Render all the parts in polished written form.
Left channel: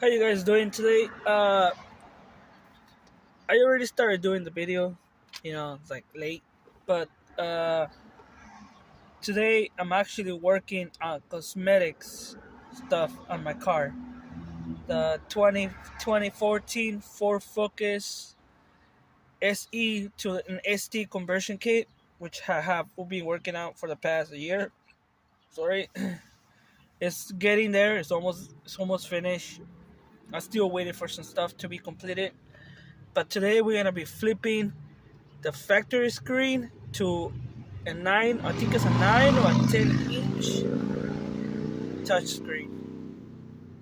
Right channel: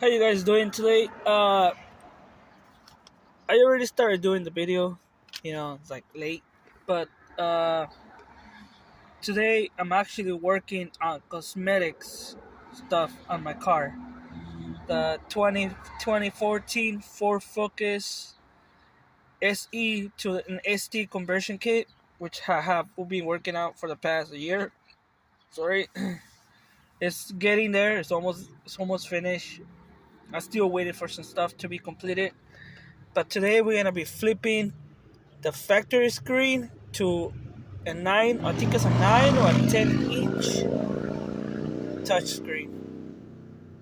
How you guys doing today? I already started doing the video. It's like late, but uh, today I'm actually working on cosmetics stuff on my car. The 2014 Ford Focus SE to an ST conversion kit, which I have been working out for the past year. Sorry, it's getting there. It's almost finished. I'm still waiting for some stuff to be completed. But today we're gonna be flipping the factory screen to a 9, I think it's a 9 or a 10-inch touchscreen.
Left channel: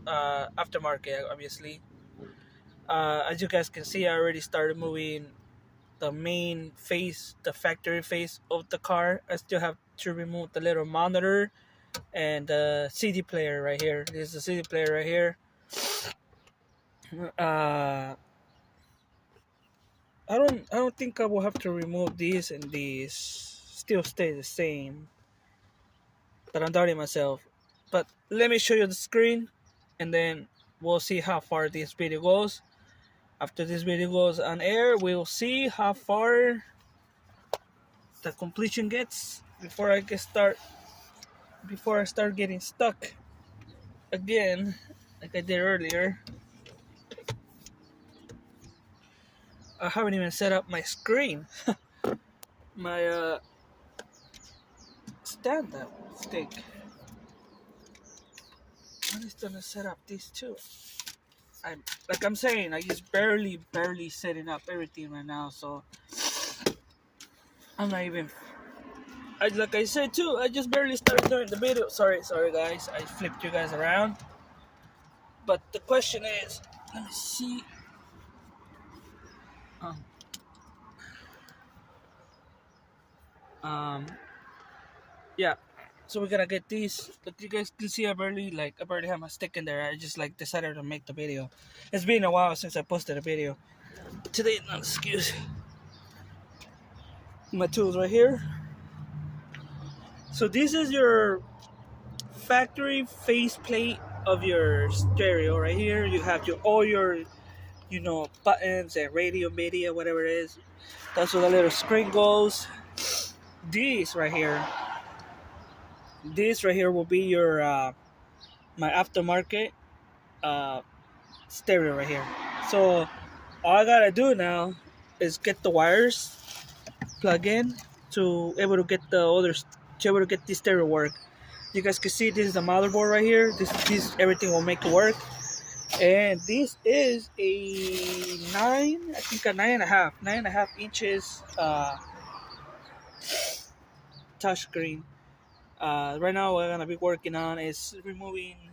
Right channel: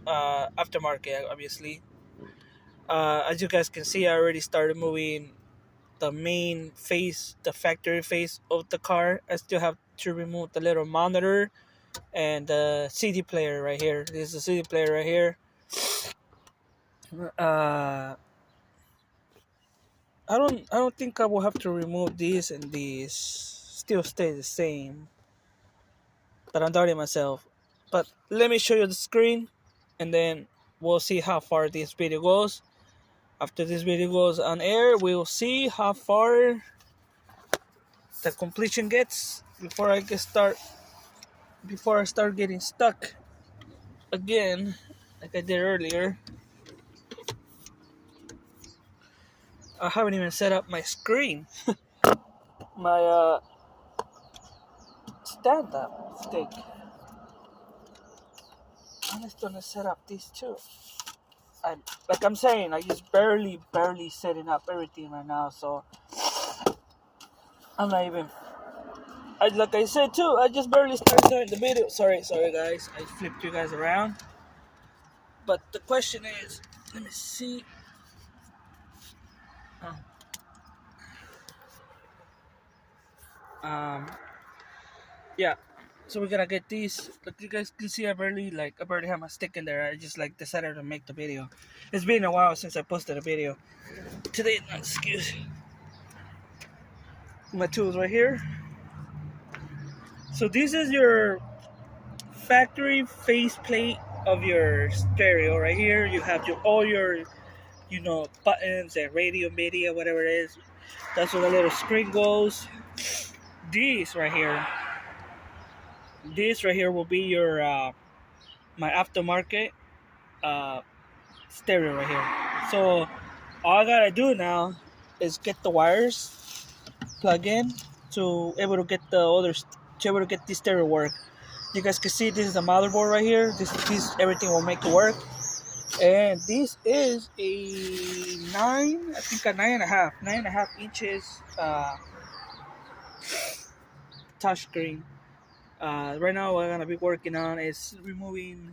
Aftermarket, obviously. As you guys can see, I already started moving the main face, the factory face of the car. I still have to remove the little monitor and the CD player right here. This is the CD player right here. Uh, I don't think I will have to remove these, and these still stay the same. But I'm doubting myself. But let me show you the screen, and then we'll see how far this video goes. After this video goes on air, we'll see how far the completion gets before I start getting stuck again, like I did earlier. I haven't even set up my screen, my stand-up stick. I'm just gonna set up these two. I'm saying, I just barely setting up everything right now, so I'm not even. Like I said too, I just barely started doing the video. Sorry guys, I flipped you guys around. But the question is, let me see. Um, um yeah. So we're gonna get these. Like you guys can see, I barely have my stick in there. I just decided to make the video. It's been a while since I posted a video. Today, not excuse. My tools right here. So this is your factory faceplate of your stereo right here. You have all your buttons and radio, media, whatever it is. That's where the little screen goes. These right here. This right here will be your my aftermarket uh, stereo right here. So all I gotta do now is get the wires plug in to able to get this stereo work. You guys can see this is the motherboard right here. This everything will make it work. And this is a I think a 9.5 inches touchscreen. Right now, what I'm gonna be working on is removing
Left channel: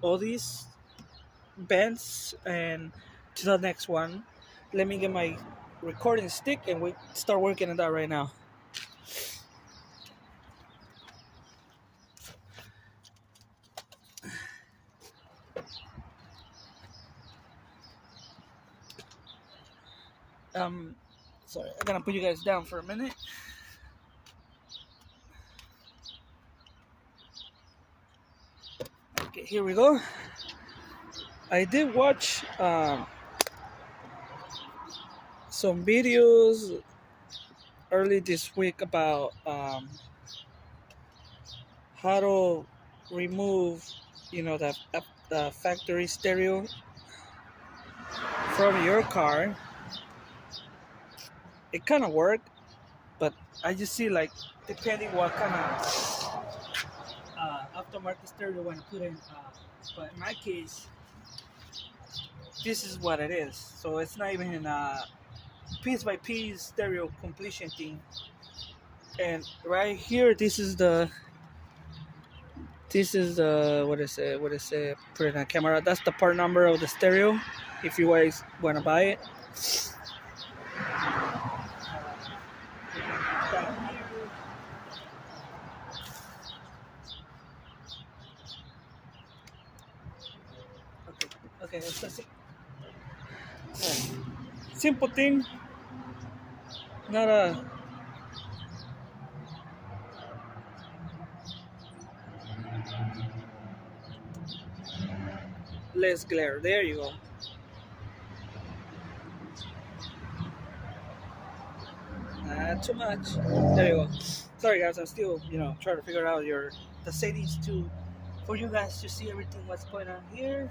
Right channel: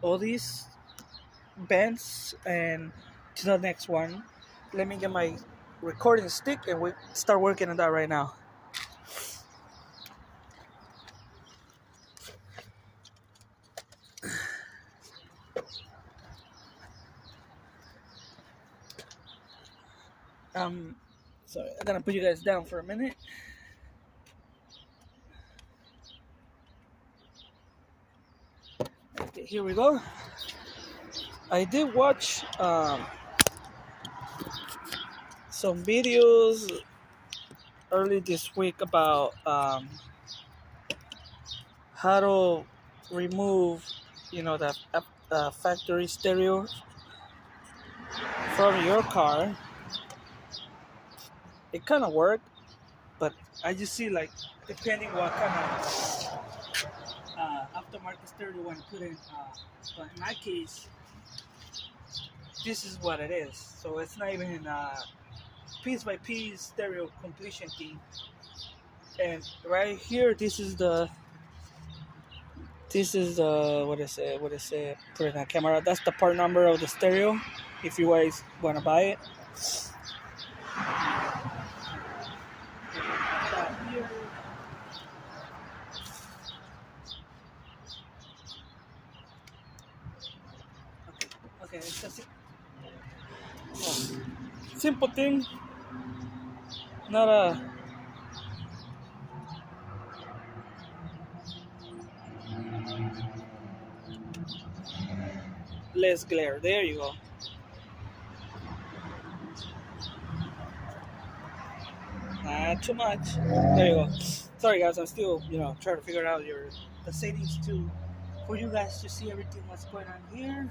all these bends, and to the next one. Let me get my recording stick, and we start working on that right now. Sorry, I'm gonna put you guys down for a minute. Okay, here we go. I did watch some videos early this week about how to remove, the factory stereo from your car. It kind of worked, but I just see depending what kind of aftermarket stereo you want to put in. But in my case, this is what it is. So it's not even piece by piece stereo completion thing. And right here, this is the what is it? Put it on camera. That's the part number of the stereo. If you guys want to buy it. Okay, it's a simple thing. Not a less glare. There you go. Not too much. There you go. Sorry guys, I'm still trying to figure out the settings to for you guys to see everything what's going on here.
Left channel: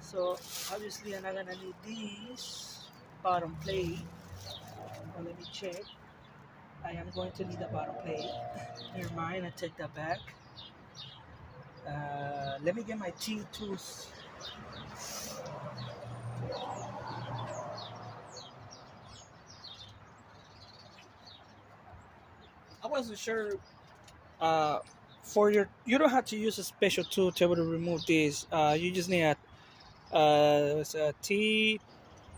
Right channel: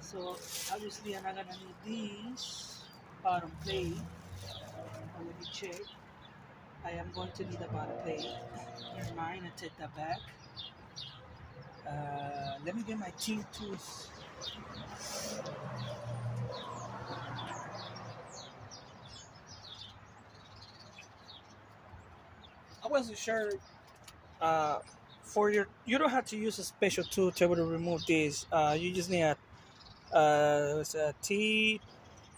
So obviously I'm not gonna need these bottom plate. But let me check. I am going to need a bottom plate. Never mind, I take that back. Let me get my T2s. I wasn't sure. For you don't have to use a special tool to be able to remove these. You just need it's a T.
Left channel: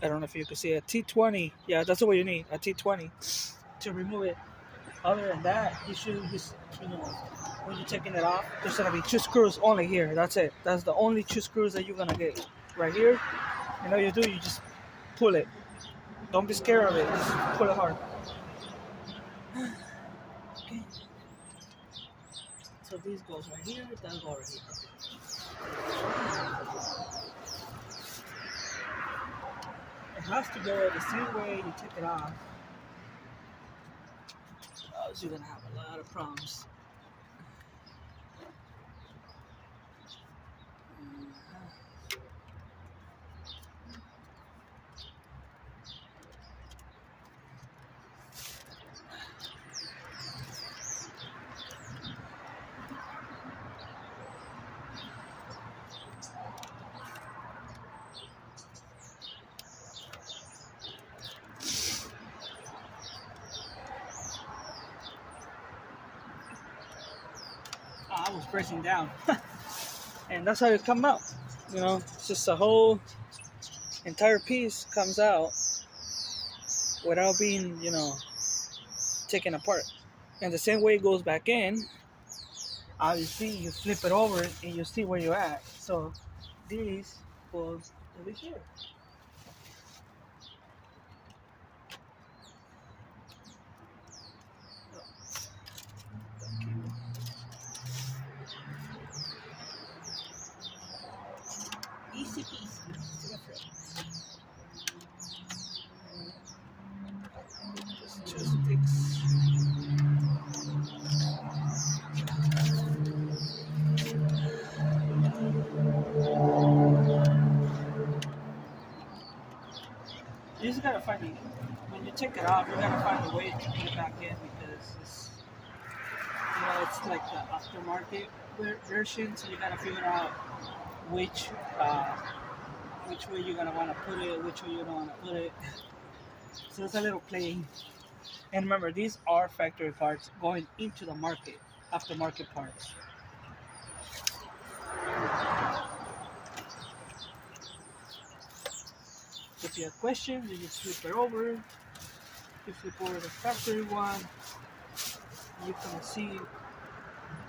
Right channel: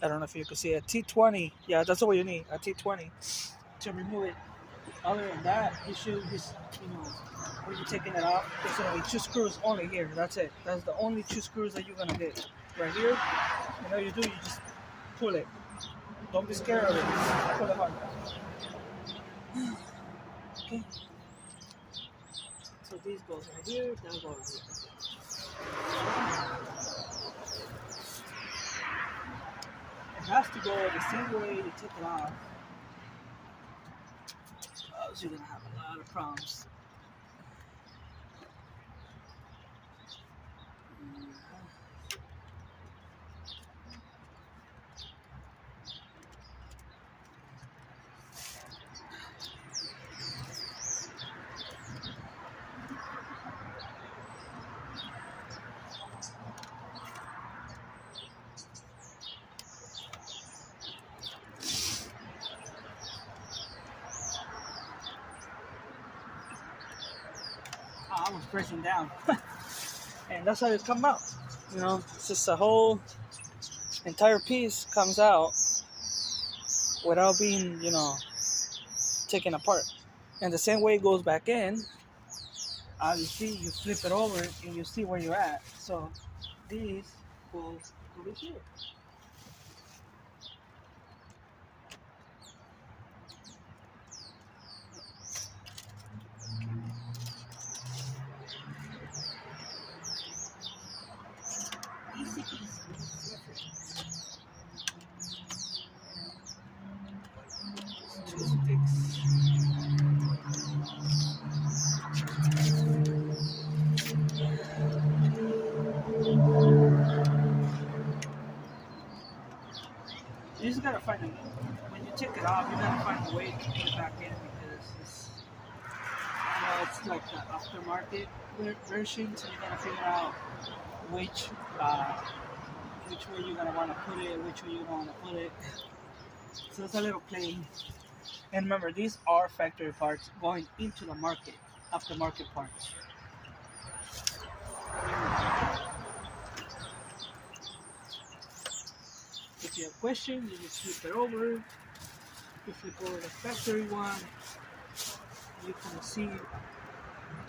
I don't know if you can see a T20. Yeah, that's what you need, a T20 to remove it. Other than that, you should just when you're taking it off, there's gonna be 2 screws only here. That's it. That's the only 2 screws that you're gonna get right here. And all you do, you just pull it. Don't be scared of it. Pull it hard. Okay. So this goes right here. That goes right here. It has to go the same way you take it off. Else you're gonna have a lot of problems. I was pressing down. And that's how it come out. It's just a whole entire piece comes out without being, taken apart. And the same way it goes back in, obviously you flip it over and you see where you're at. So this goes over here. Easy peasy. Just fix. You just gotta find when you take it off, you gotta find a way to put it back in because it's like the aftermarket version, so you gotta figure out which way you're gonna want to put it, which way you don't want to put it. So it's a little playing. And remember, these are factory parts going into the market, aftermarket parts. If you have questions, you just flip it over. You flip over the factory one. You can see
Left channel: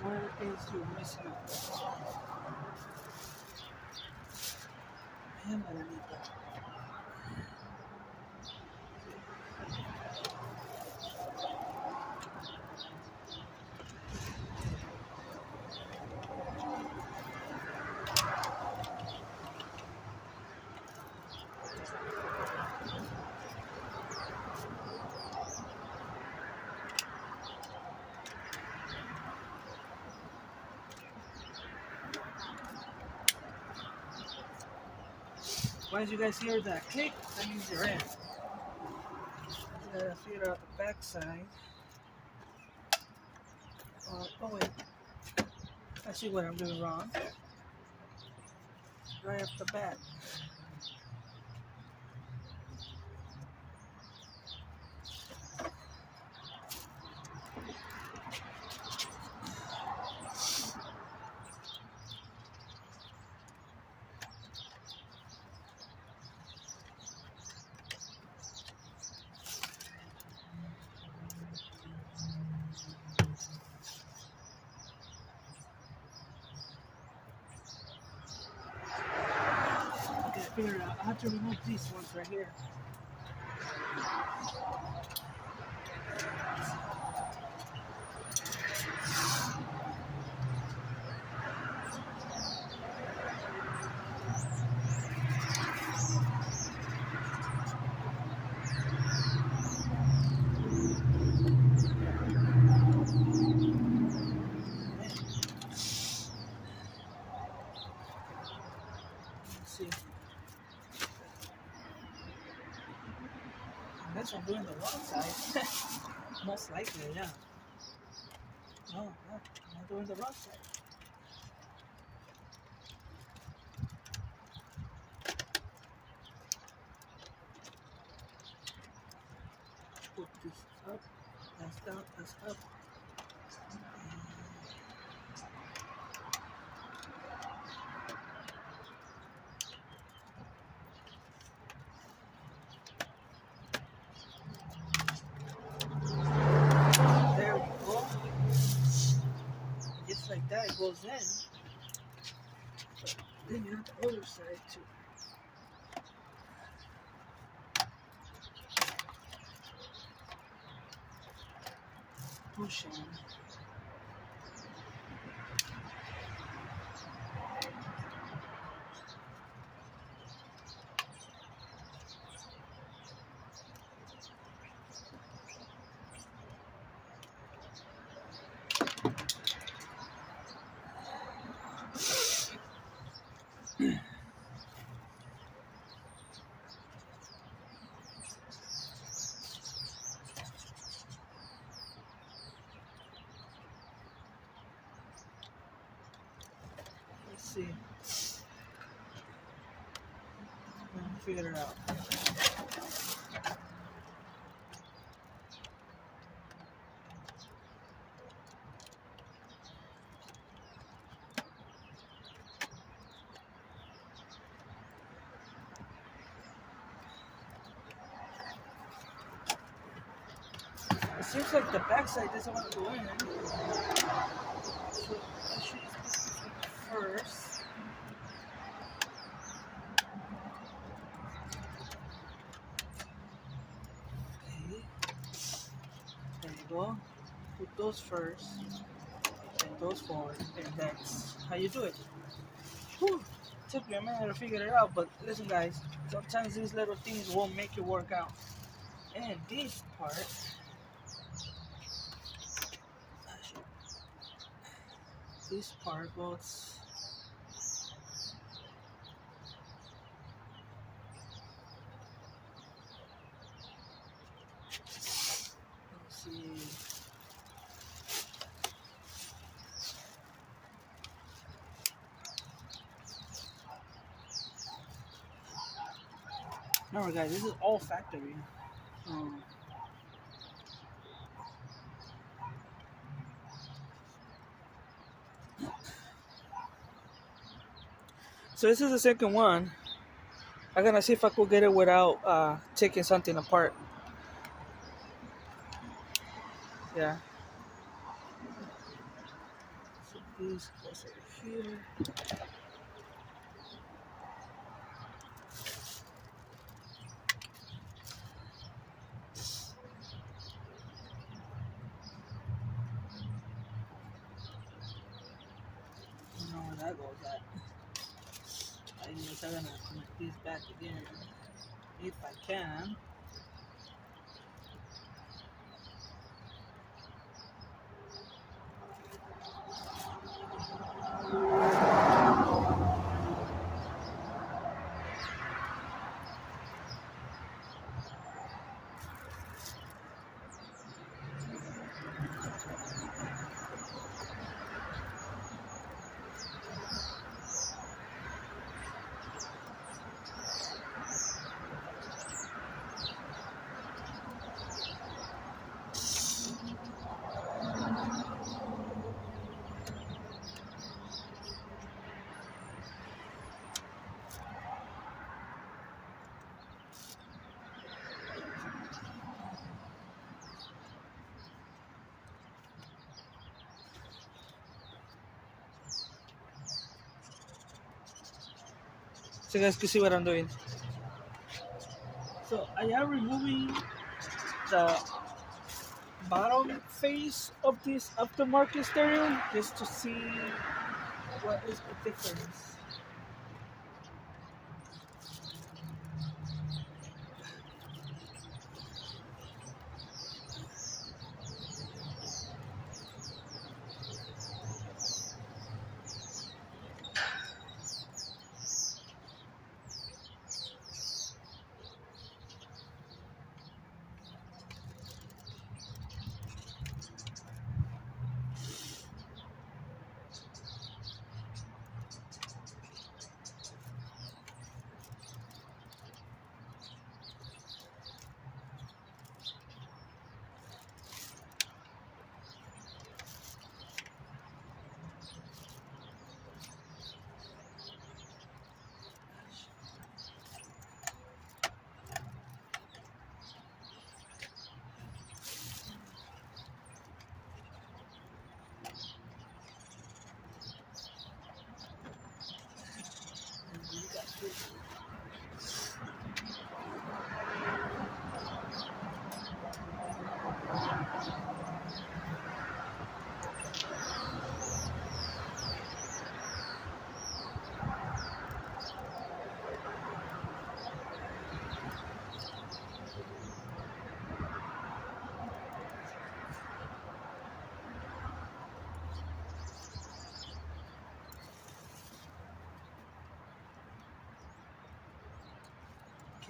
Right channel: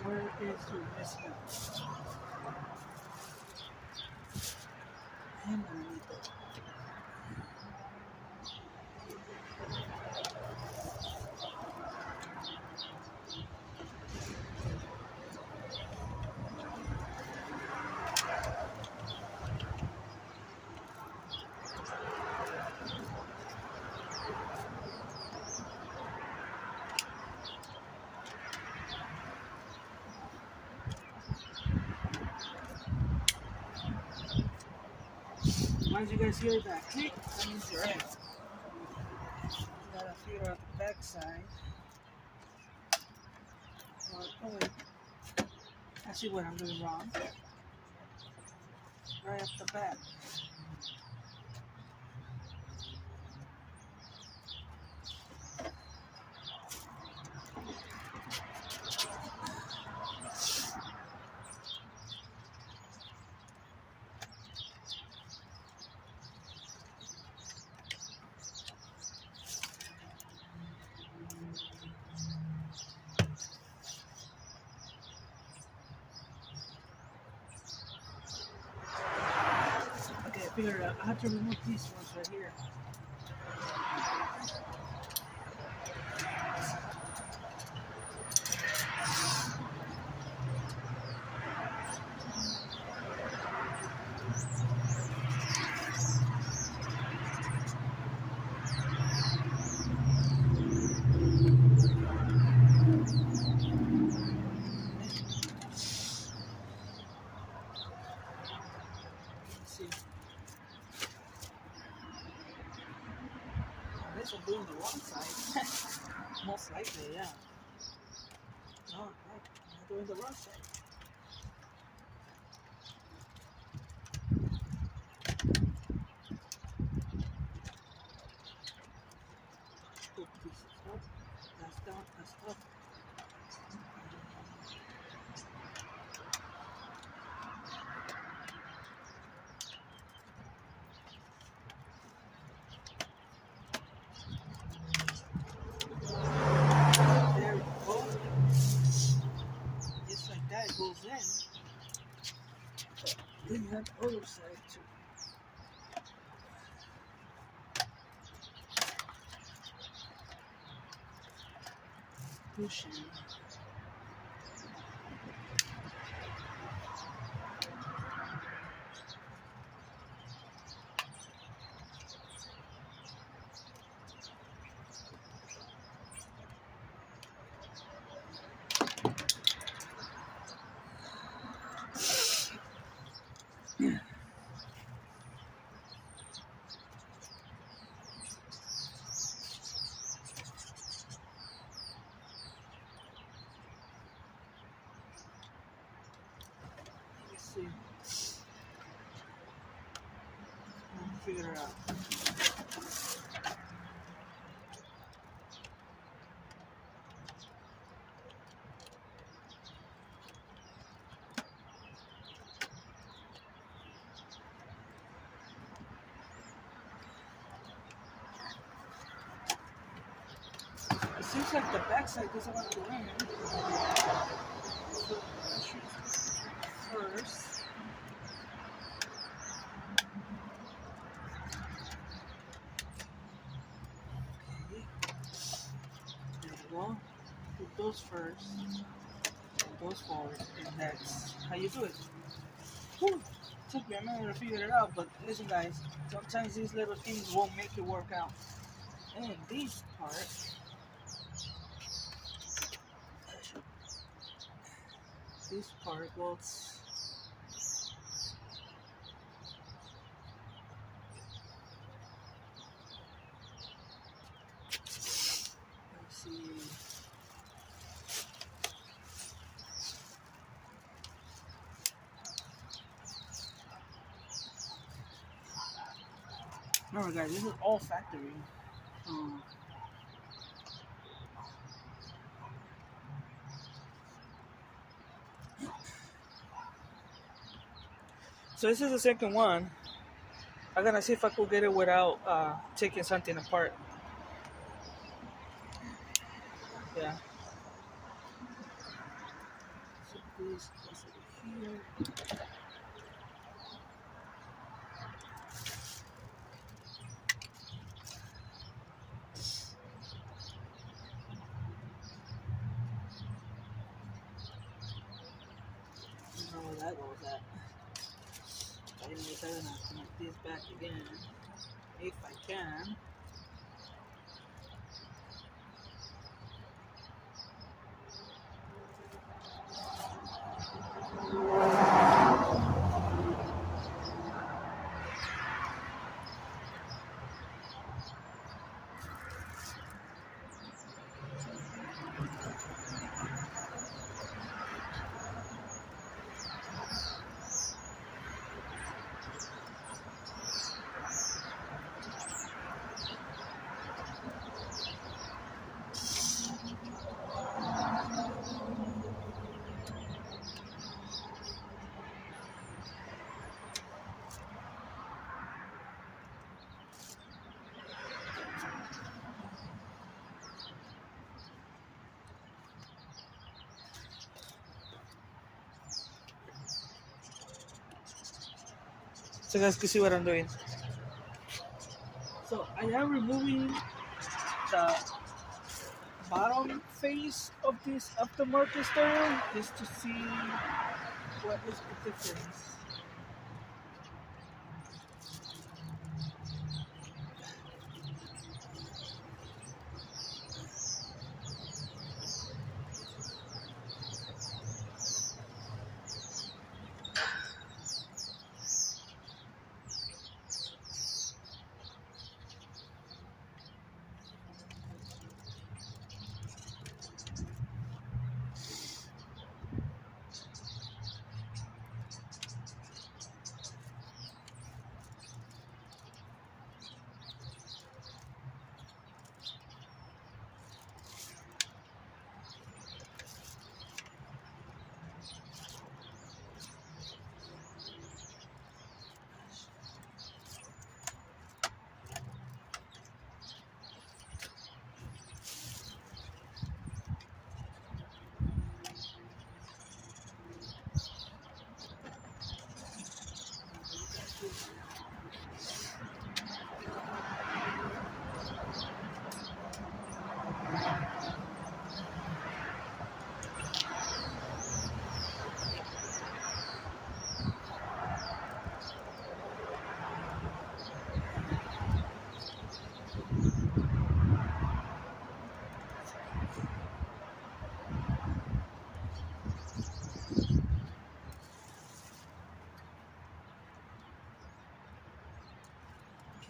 where is your missing out. I am gonna need that. Once you guys hear that click, that means you're in. You gotta figure out the back side. Oh wait, I see what I'm doing wrong. Right off the bat. I have to remove these ones right here. see. This one doing the wrong side. Most likely, yeah. No, no, I'm doing the wrong side. Put this up. That's down. That's up. There we go. Just like that, it goes in. But then you have the other side too. Push in. Let's see. Figure it out. It seems like the backside doesn't want to go in. So let's use this one first. Okay. There you go. Put those first and those forward, and that's how you do it. Whew. Took me a minute to figure it out, but listen guys, sometimes these little things won't make it work out. And this part, goes. Let's see. Remember guys, this is all factory. So this is the second one. I'm gonna see if I could get it without taking something apart. Yeah. So this goes over here. I don't know where that goes at. Anyways, I'm gonna connect these back again if I can. So you guys can see what I'm doing. So I am removing the bottom face of this aftermarket stereo just to see what is the difference.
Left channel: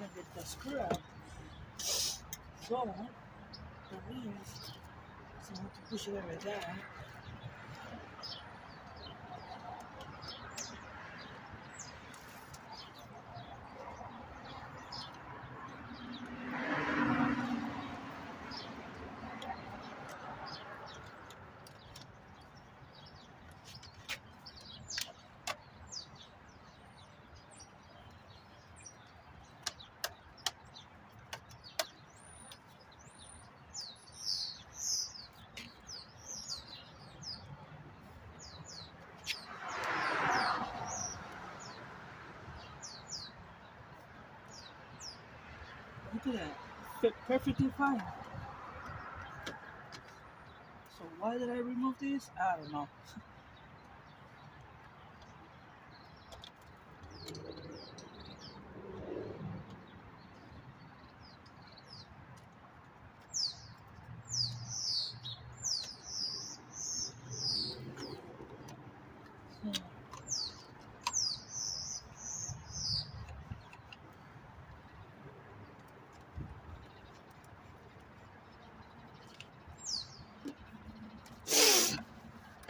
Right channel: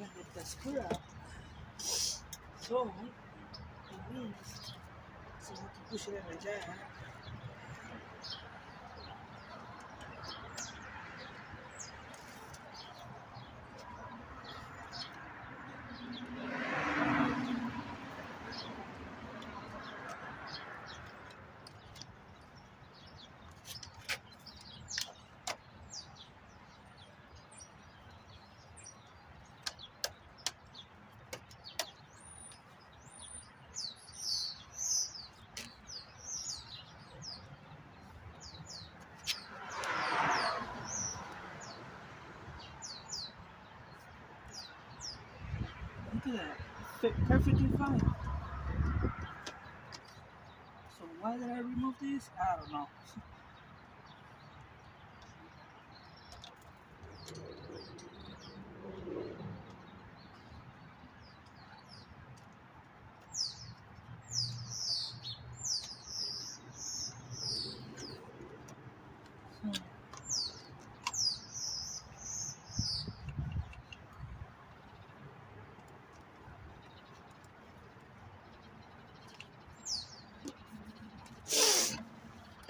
can't get that screw out. So that means so I have to push it in like that. Look at that. Fit perfectly fine. So why did I remove this? I don't know.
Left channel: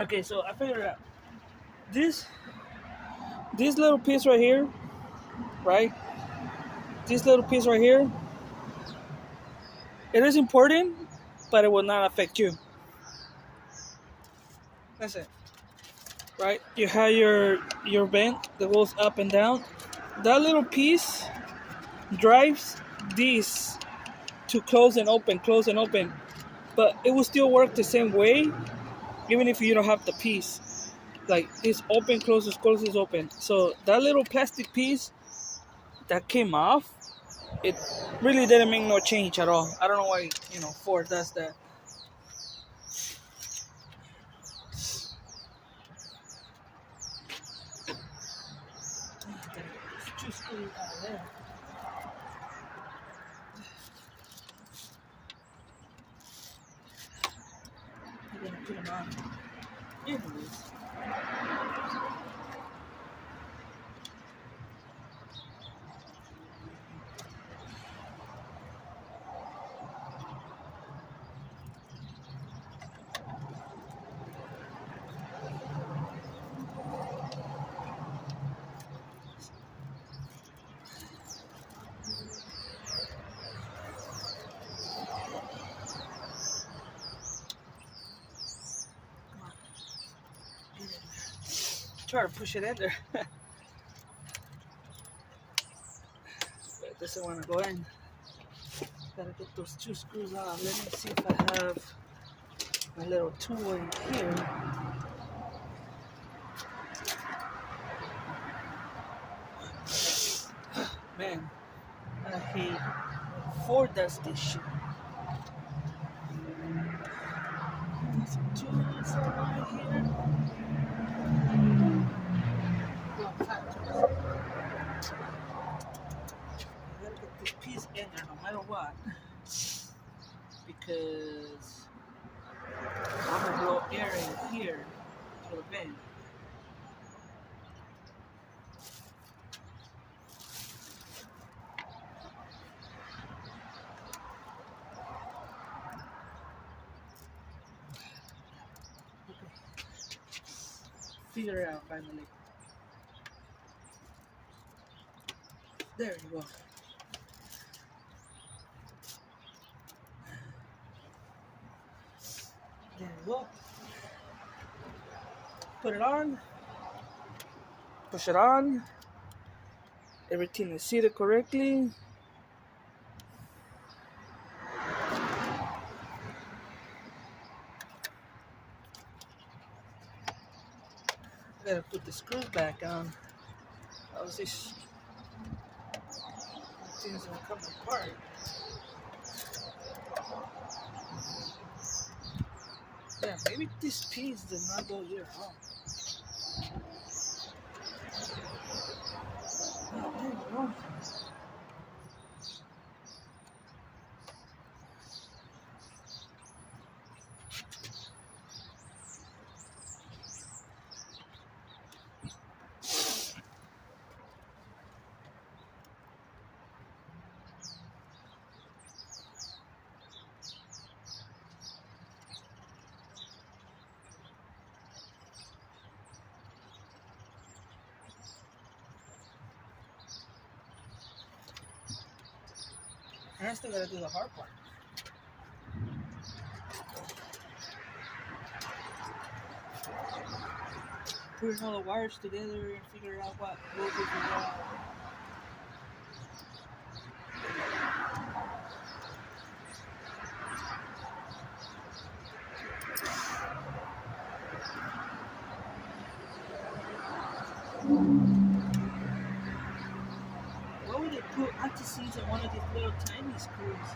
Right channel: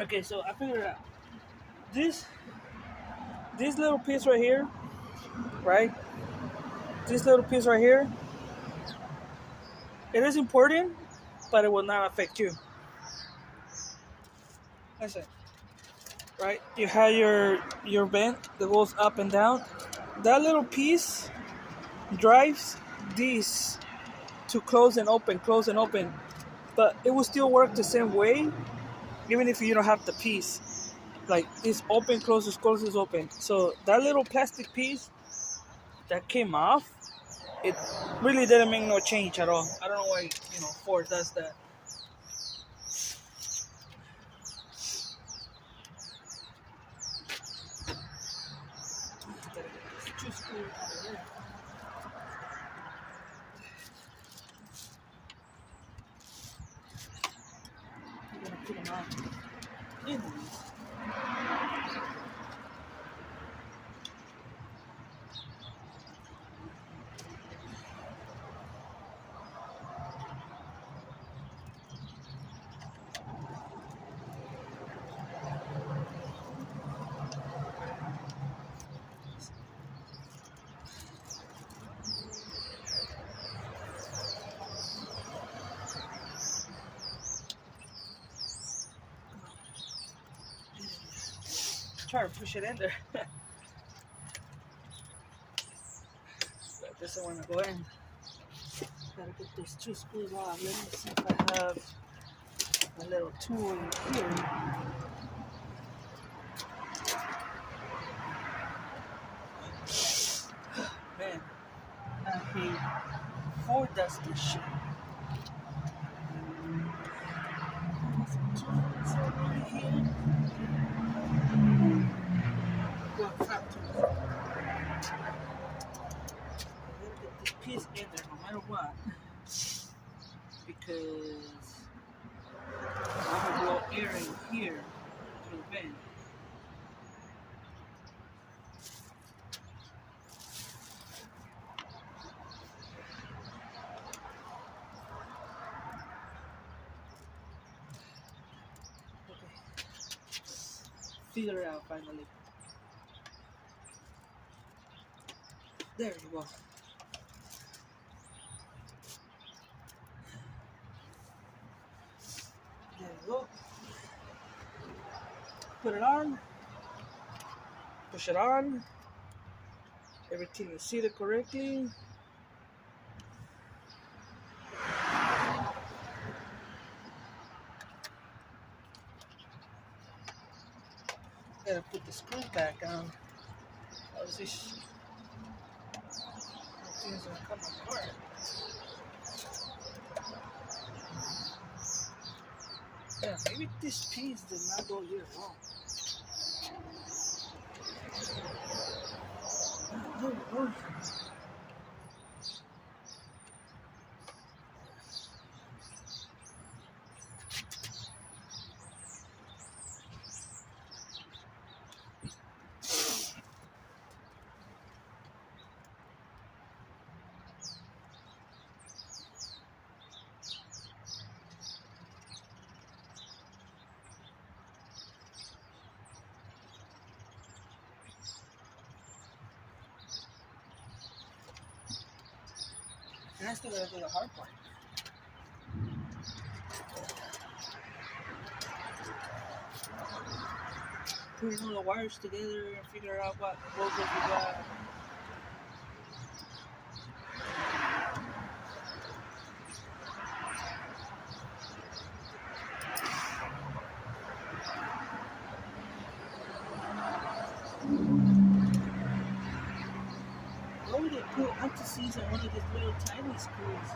Okay, so I figured out this little piece right here, right? This little piece right here, it is important, but it will not affect you. That's it. Right? You have your vent that goes up and down. That little piece drives this to close and open, close and open. But it will still work the same way, even if you don't have the piece. Like it's open, closes, closes, open. So that little plastic piece that came off, it really didn't make no change at all. I don't know why, Ford does that. Two screws out of there. I'm gonna put them out. Anyways. Try to push it in there. But it doesn't want to go in. Gotta get those two screws out. Let me see if I have a little tool in here. Man, I hate Ford does this shit. Some tools over here. Well, top tools. I gotta get this piece in there no matter what. Because I'm gonna blow air in here to the vent. Figure it out finally. There you go. There you go. Put it on. Push it on. Everything is seated correctly. Gotta put the screws back on. That was this. Things are coming apart. Yeah, maybe this piece did not go here at all. There you go. And I still gotta do the hard part. Putting all the wires together and figure out what voltage we got. Why would they put anti-seize on one of these little tiny screws?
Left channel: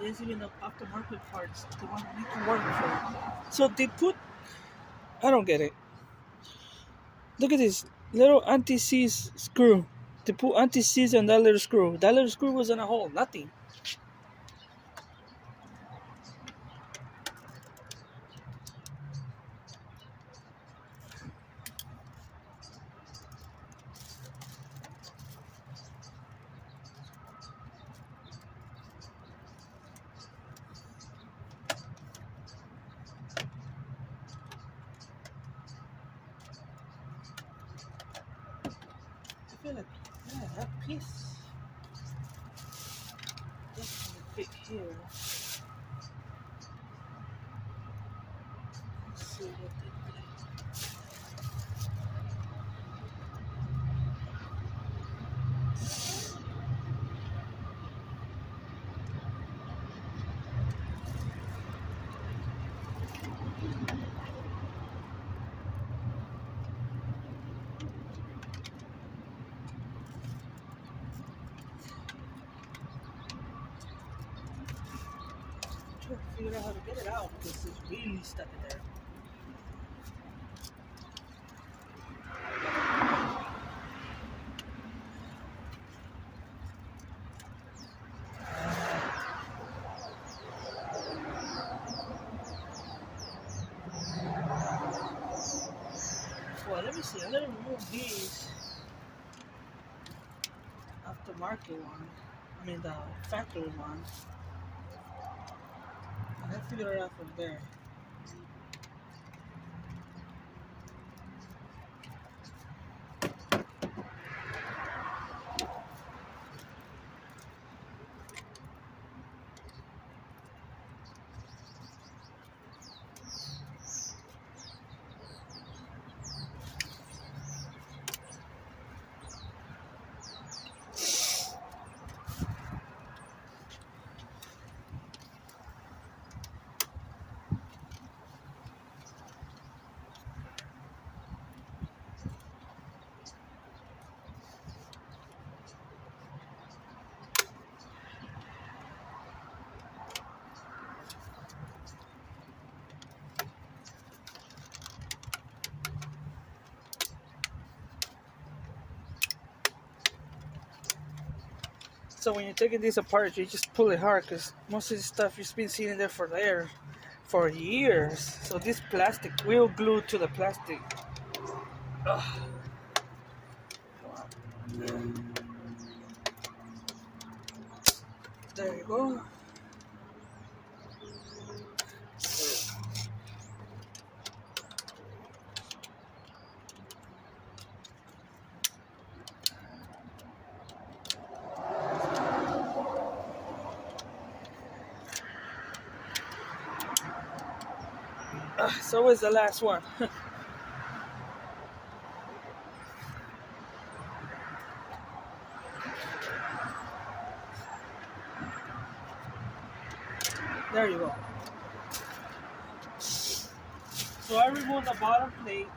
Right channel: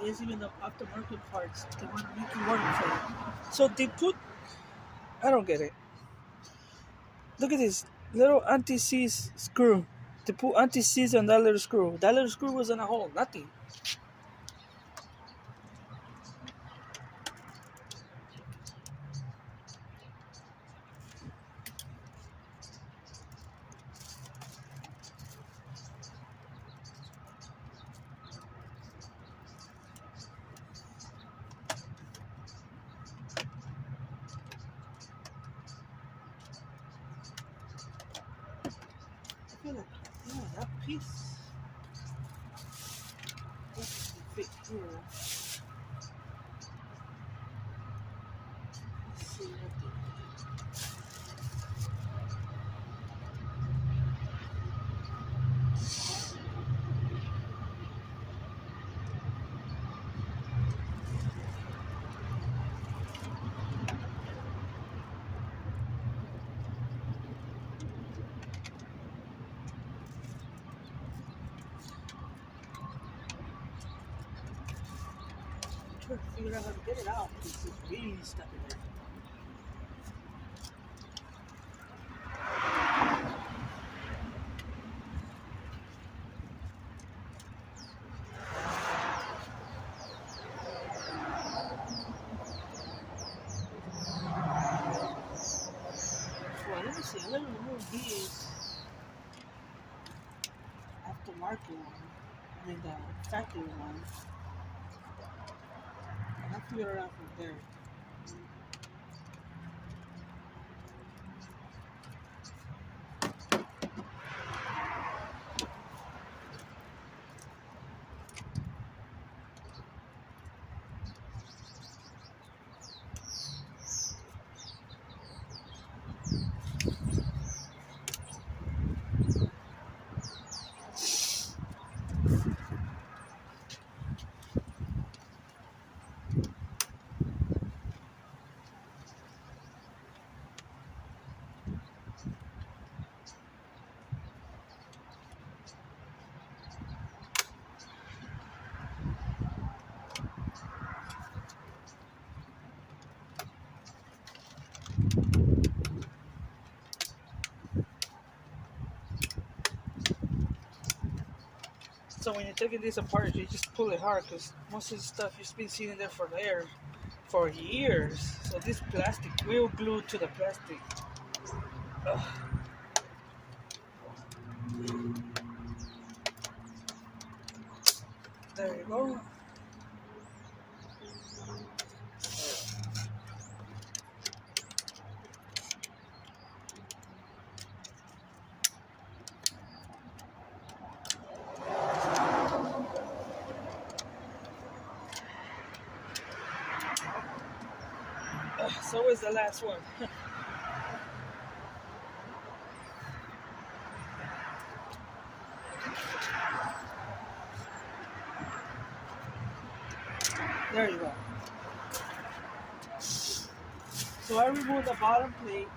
There's even the aftermarket parts. They want to make it work for you. So they put. I don't get it. Look at this little anti-seize screw. They put anti-seize on that little screw. That little screw was in a hole. Nothing. I feel like, yeah, that piece doesn't fit here. Let's see what they trying to figure out how to get it out because it's really stuck in there. Well, let me see. I'm gonna remove these aftermarket one. I mean the factory one. I have to figure it out from there. So when you're taking this apart, you just pull it hard because most of the stuff you've been seeing there for years. So this plastic will glue to the plastic. Ugh. There you go. So is the last one. There you go. So I removed the bottom plate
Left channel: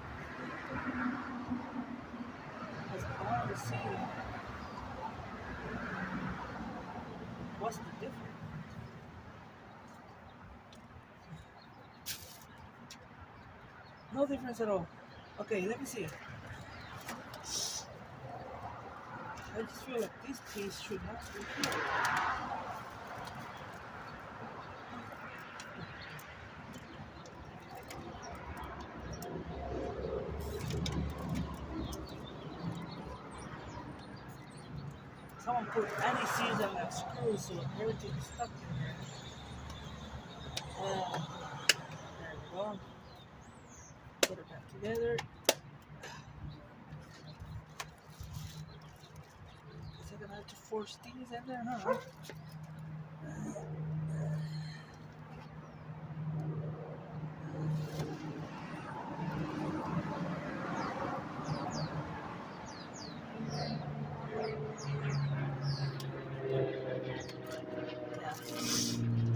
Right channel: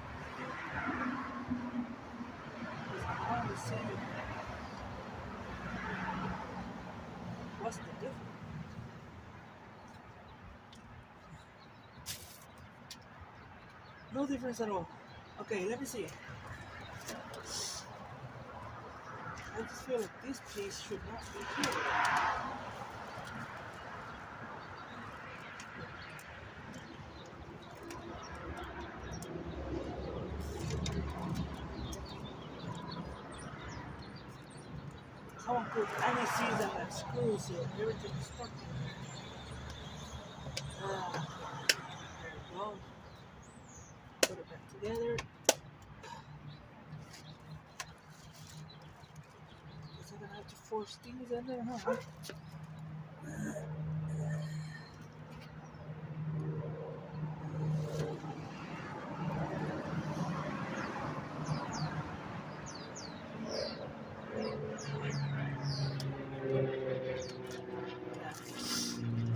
because I want to see what's the difference. No difference at all. Okay, let me see. I just feel like this piece should not be here. Someone put anti-seize and like screws, so everything is stuck in there. There we go. Put it back together. Guess I'm gonna have to force things in there, huh?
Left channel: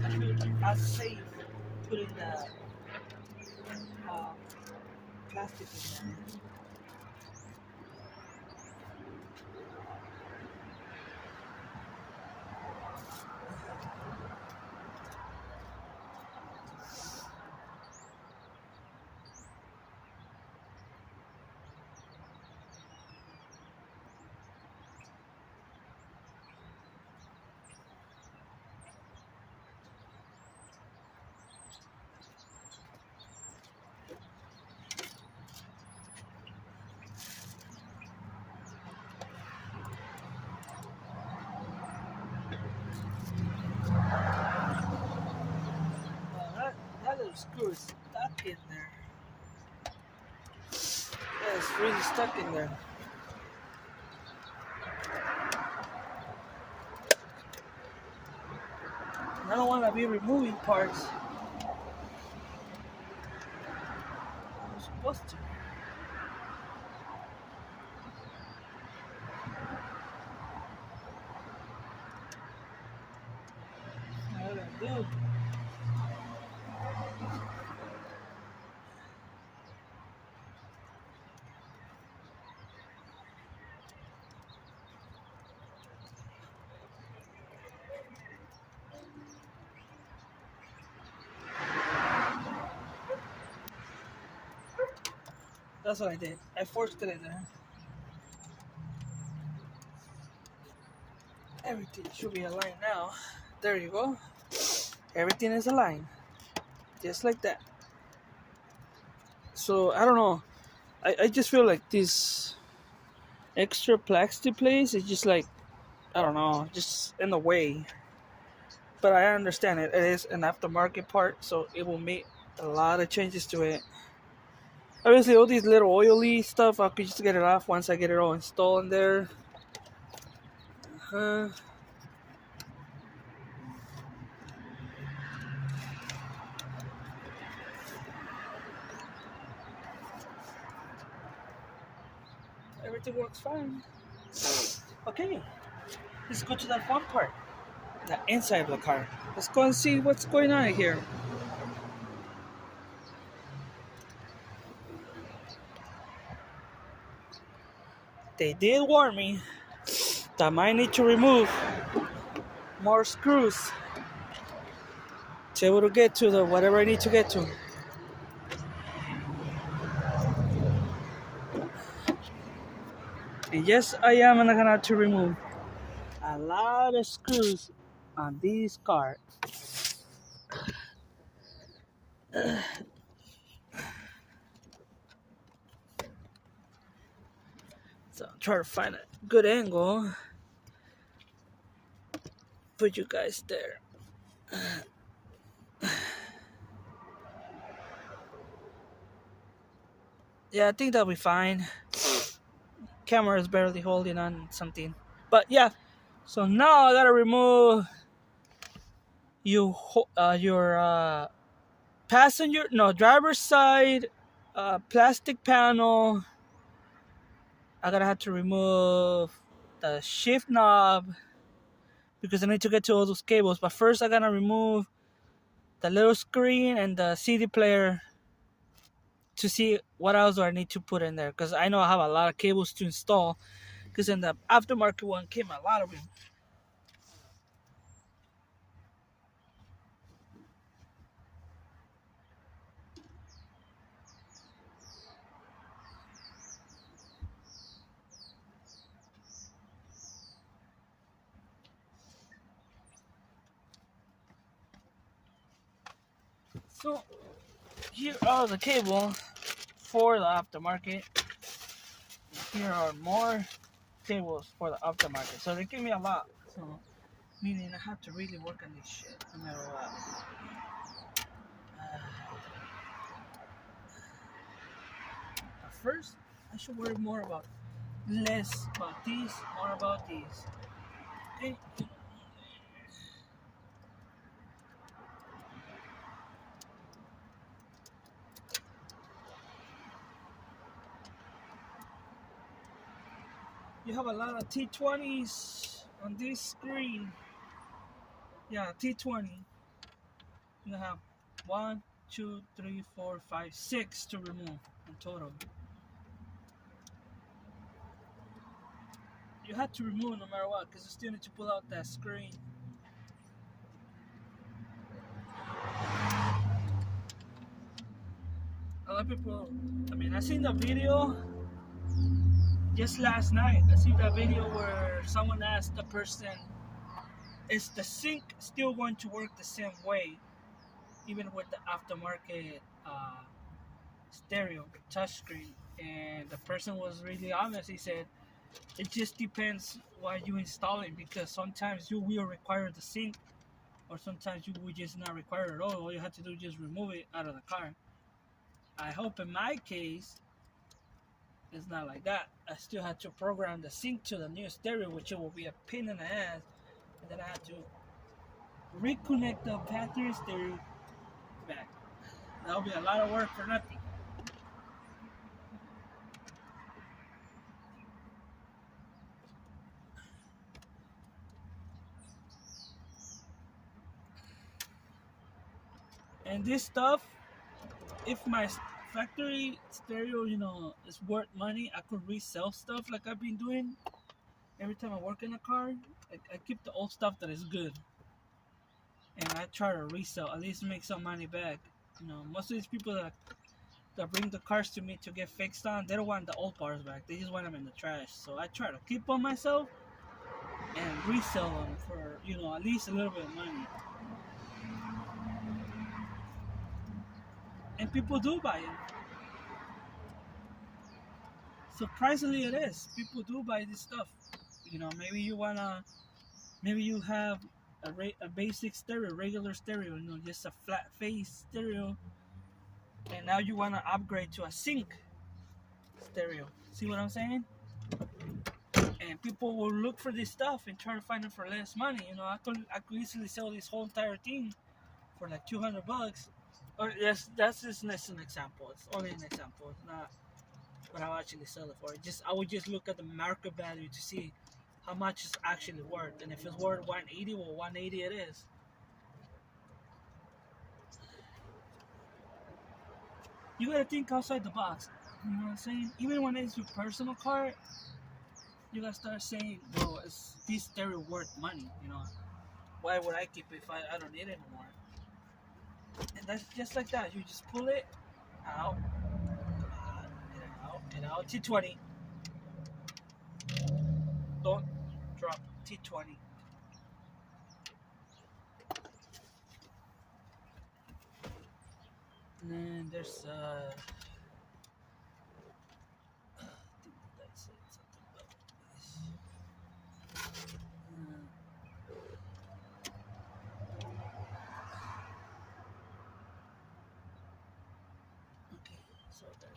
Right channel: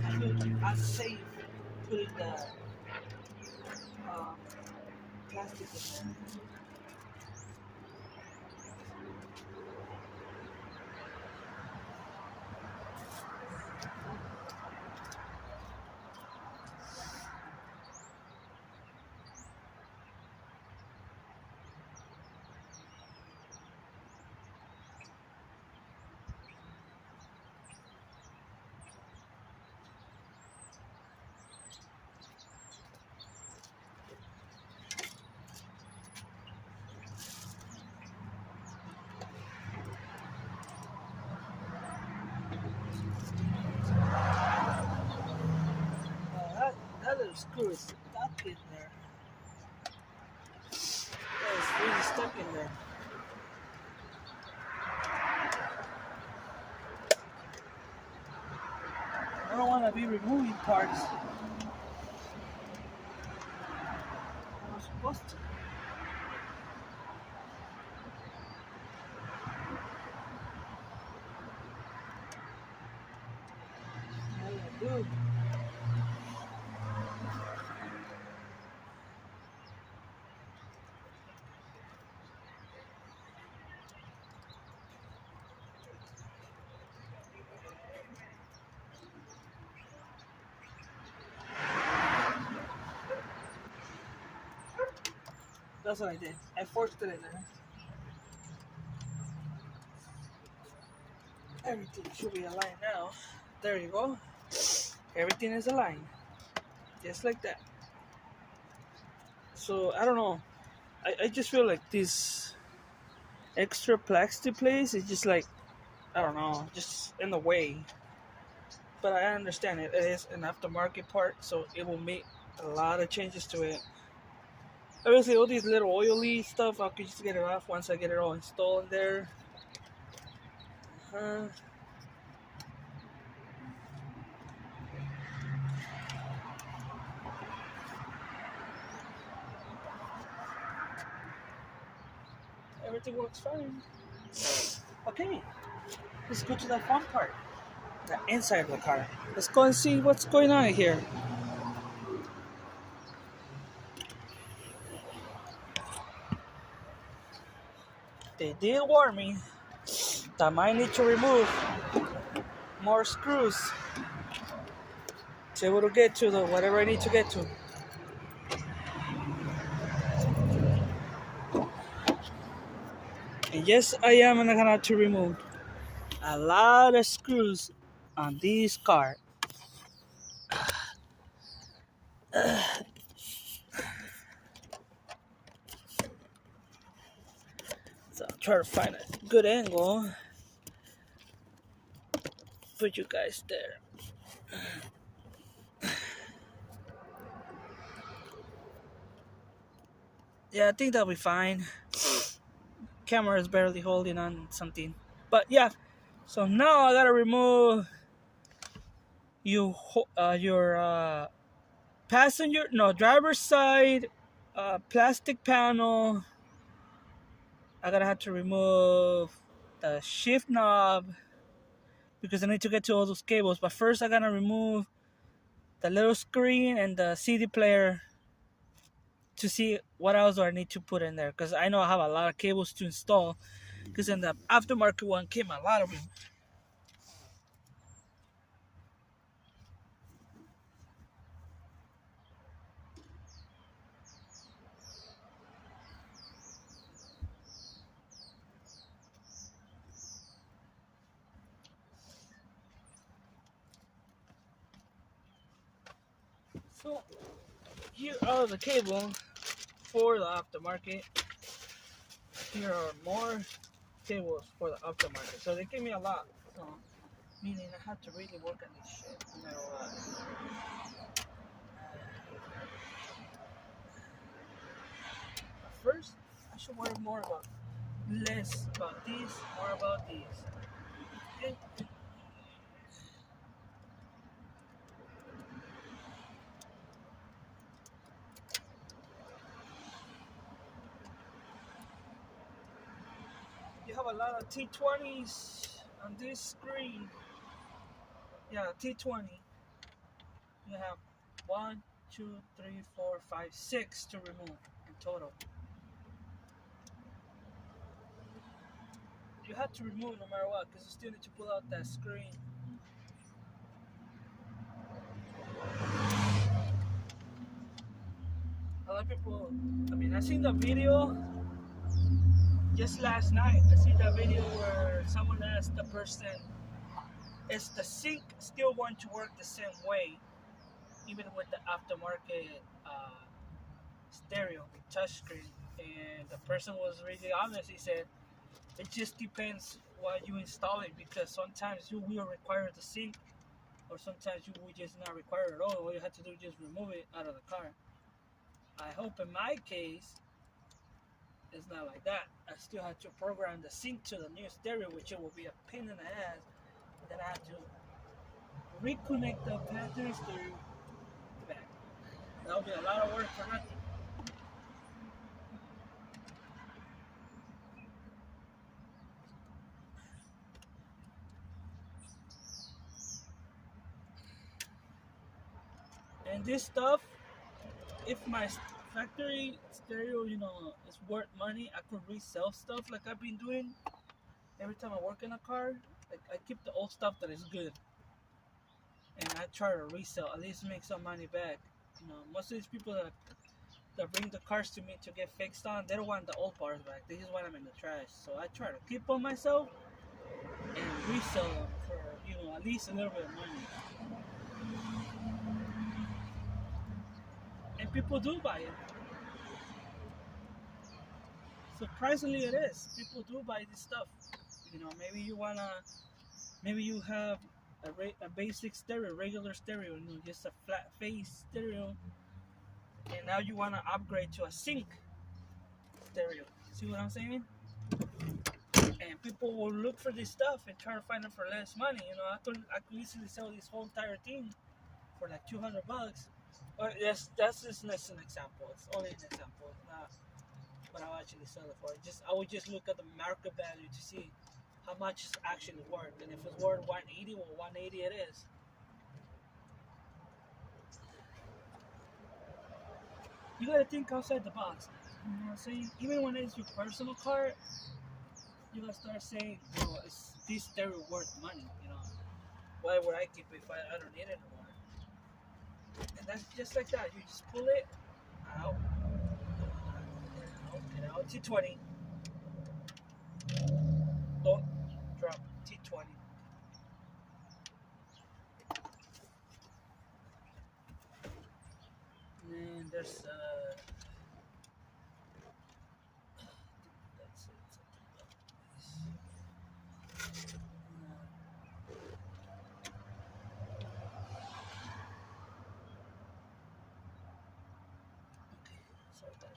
I feel as safe putting the plastic in there. That little screw is stuck in there. Yeah, it's really stuck in there. I don't want to be removing parts. I'm supposed to. How do I do it? That's what I did. I forced it in there. Everything should be aligned now. There you go. Everything is aligned. Just like that. So, I don't know. I just feel like this extra plastic place is just like, I don't know, just in the way. But I understand it. It is an aftermarket part, so it will make a lot of changes to it. Obviously, all these little oily stuff, I could just get it off once I get it all installed in there. Everything works fine. Okay, let's go to that fun part. The inside of the car. Let's go and see what's going on here. They did warn me that I might need to remove more screws to be able to get to the whatever I need to get to. And yes, I am gonna have to remove a lot of screws on this car. So I'll try to find a good angle. Put you guys there. Yeah, I think that'll be fine. Camera is barely holding on something. But yeah, so now I gotta remove your driver's side plastic panel. I gotta have to remove the shift knob because I need to get to all those cables. But first I gotta remove the little screen and the CD player to see what else do I need to put in there, because I know I have a lot of cables to install, because in the aftermarket one came a lot of them. So here are the cable for the aftermarket. Here are more tables for the aftermarket. So they give me a lot. So meaning I have to really work on this shit no matter what. First, I should worry more about less about these, more about these. Okay? You have a lot of T20s on this screen. Yeah, T20. You have 1, 2, 3, 4, 5, 6 to remove in total. You have to remove no matter what, because you still need to pull out that screen. A lot of people, I mean, I seen the video just last night. I see that video where someone asked the person, is the sync still going to work the same way, even with the aftermarket stereo, touchscreen? And the person was really honest. He said, it just depends why you install it, because sometimes you will require the sync, or sometimes you will just not require it at all. All you have to do is just remove it out of the car. I hope in my case, it's not like that. I still have to program the sync to the new stereo, which it will be a pain in the ass. And then I have to reconnect the factory stereo back. That'll be a lot of work for nothing. And this stuff, if my factory stereo, is worth money, I could resell stuff like I've been doing. Every time I work in a car, I keep the old stuff that is good, and I try to resell, at least make some money back. Most of these people that bring the cars to me to get fixed on, they don't want the old parts back. They just want them in the trash. So I try to keep them myself and resell them for at least a little bit of money. And people do buy it. Surprisingly, it is. People do buy this stuff. Maybe you have a basic stereo, regular stereo, just a flat face stereo, and now you want to upgrade to a sync stereo. See what I'm saying? And people will look for this stuff and try to find it for less money. I could easily sell this whole entire thing for like $200. Or that's just an example. It's only an example. It's not what I'll actually sell it for. I would just look at the market value to see how much it's actually worth, and if it's worth 180, well, 180 it is. You gotta think outside the box. You know what I'm saying? Even when it's your personal car, you gotta start saying, "Bro, is this stereo worth money?" Why would I keep it if I don't need it anymore? And that's just like that. You just pull it out, and out. T20. Don't drop T20. And then there's that's it. Okay, so that.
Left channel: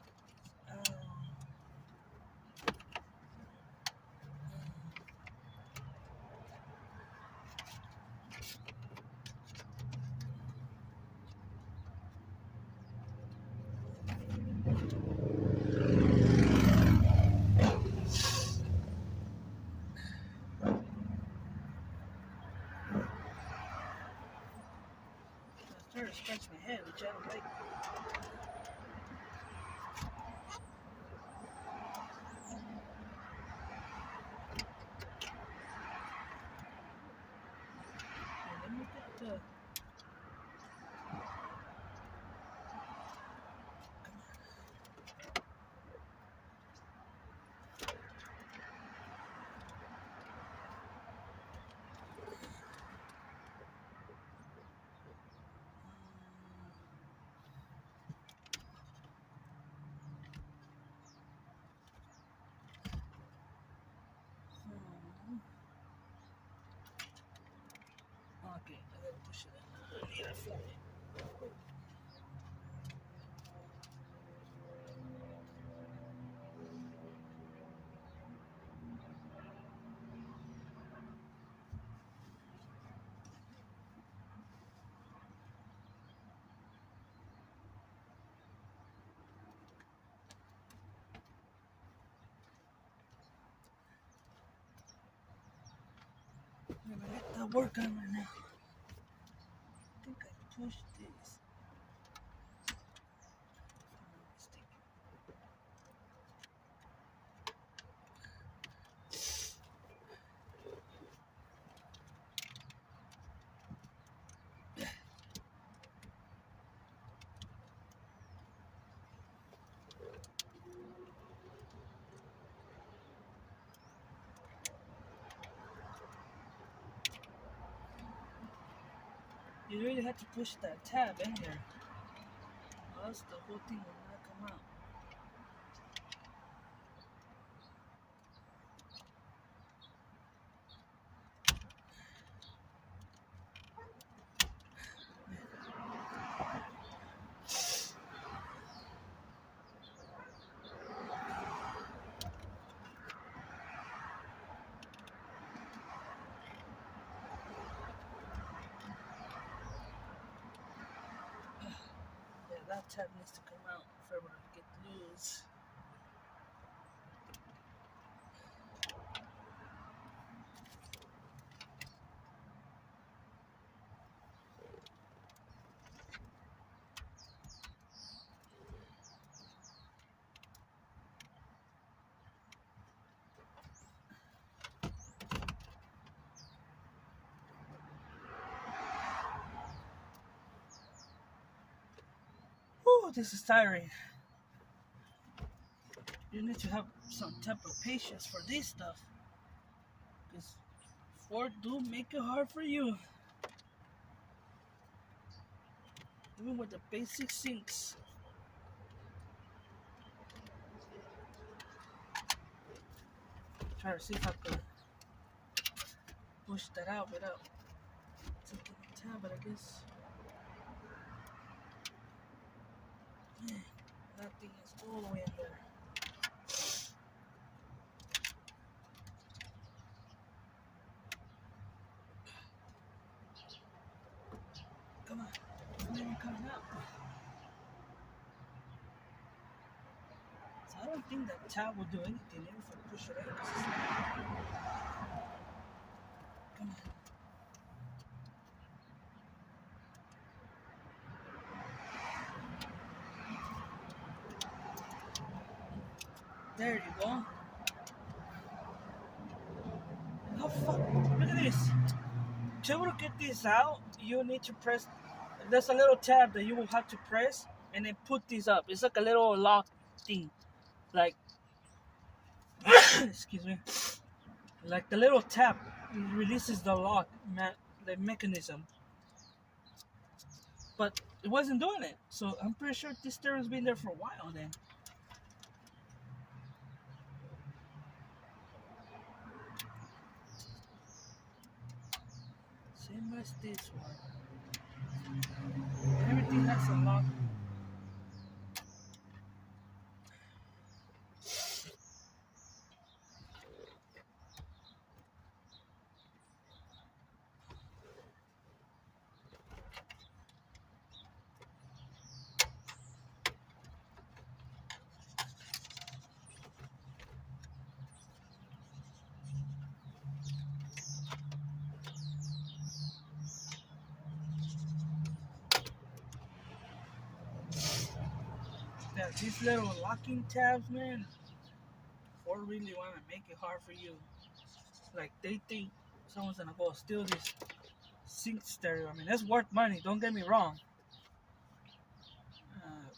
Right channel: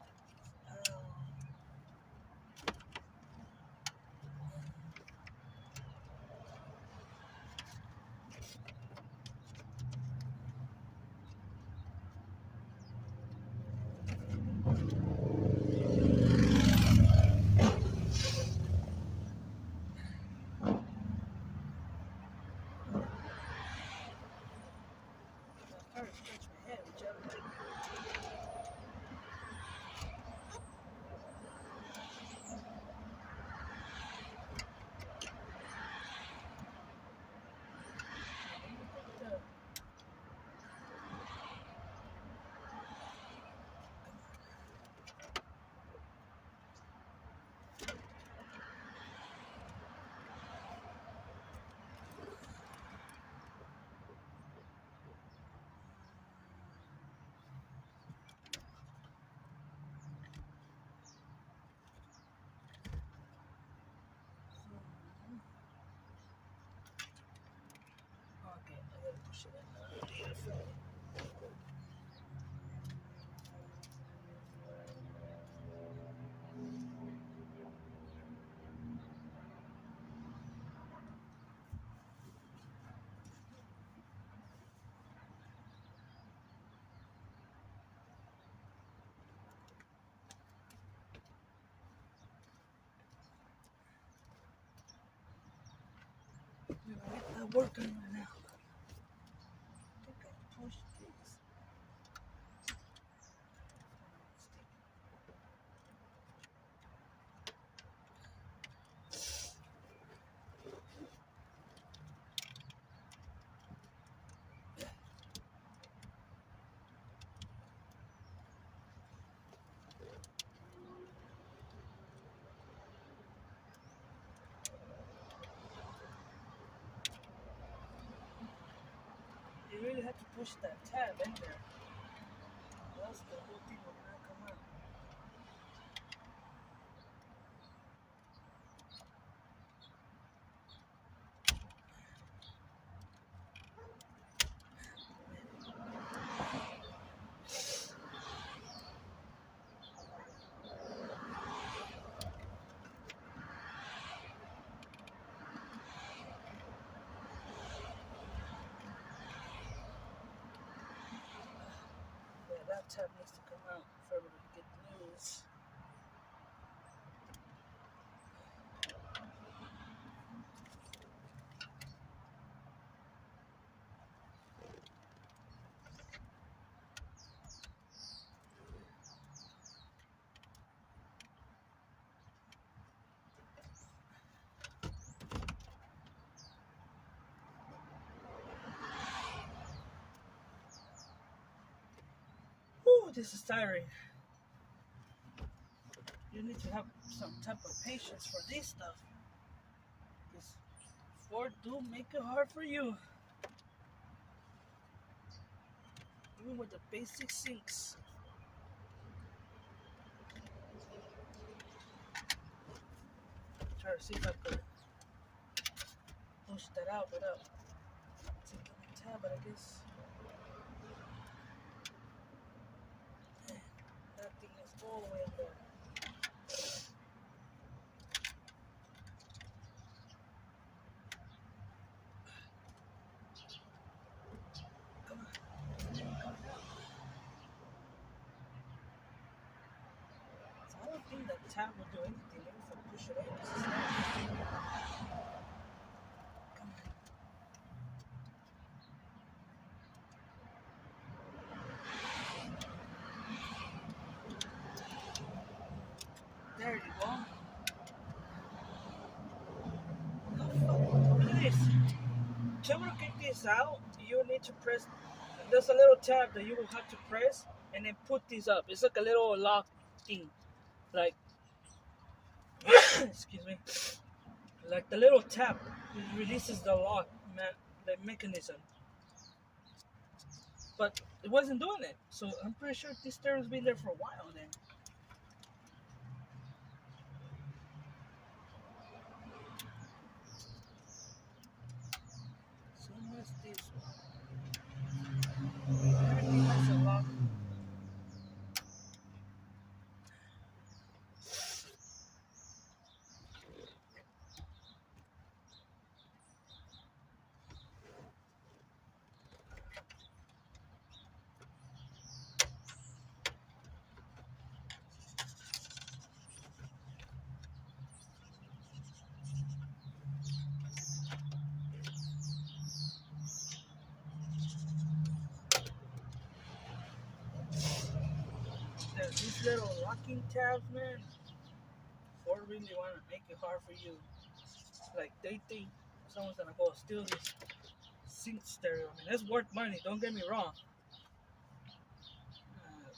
push it in here for me. I'm gonna let that work on right now. I think I pushed this. You really had to push that tab in there, or else the whole thing will not come out. Yeah, that tab needs to come out for it to get loose. Whew, this is tiring. You need to have some type of patience for this stuff, because Ford do make it hard for you, even with the basic sinks. Try to see if I could push that out without taking the tab, but I guess that thing is all the way in there. Come on, it's never coming out. So I don't think that tab will do anything if I push it out. Come on. There you go. Oh fuck, look at this. To be able to get this out, you need to press, there's a little tab that you will have to press and then put this up. It's like a little lock thing. Like, excuse me. Like the little tab releases the lock, the mechanism. But it wasn't doing it. So I'm pretty sure this steering's been there for a while then. Same as this one. Everything has a lock. That these little locking tabs, man, Ford really want to make it hard for you. Like they think someone's gonna go steal this sync stereo. I mean, that's worth money. Don't get me wrong.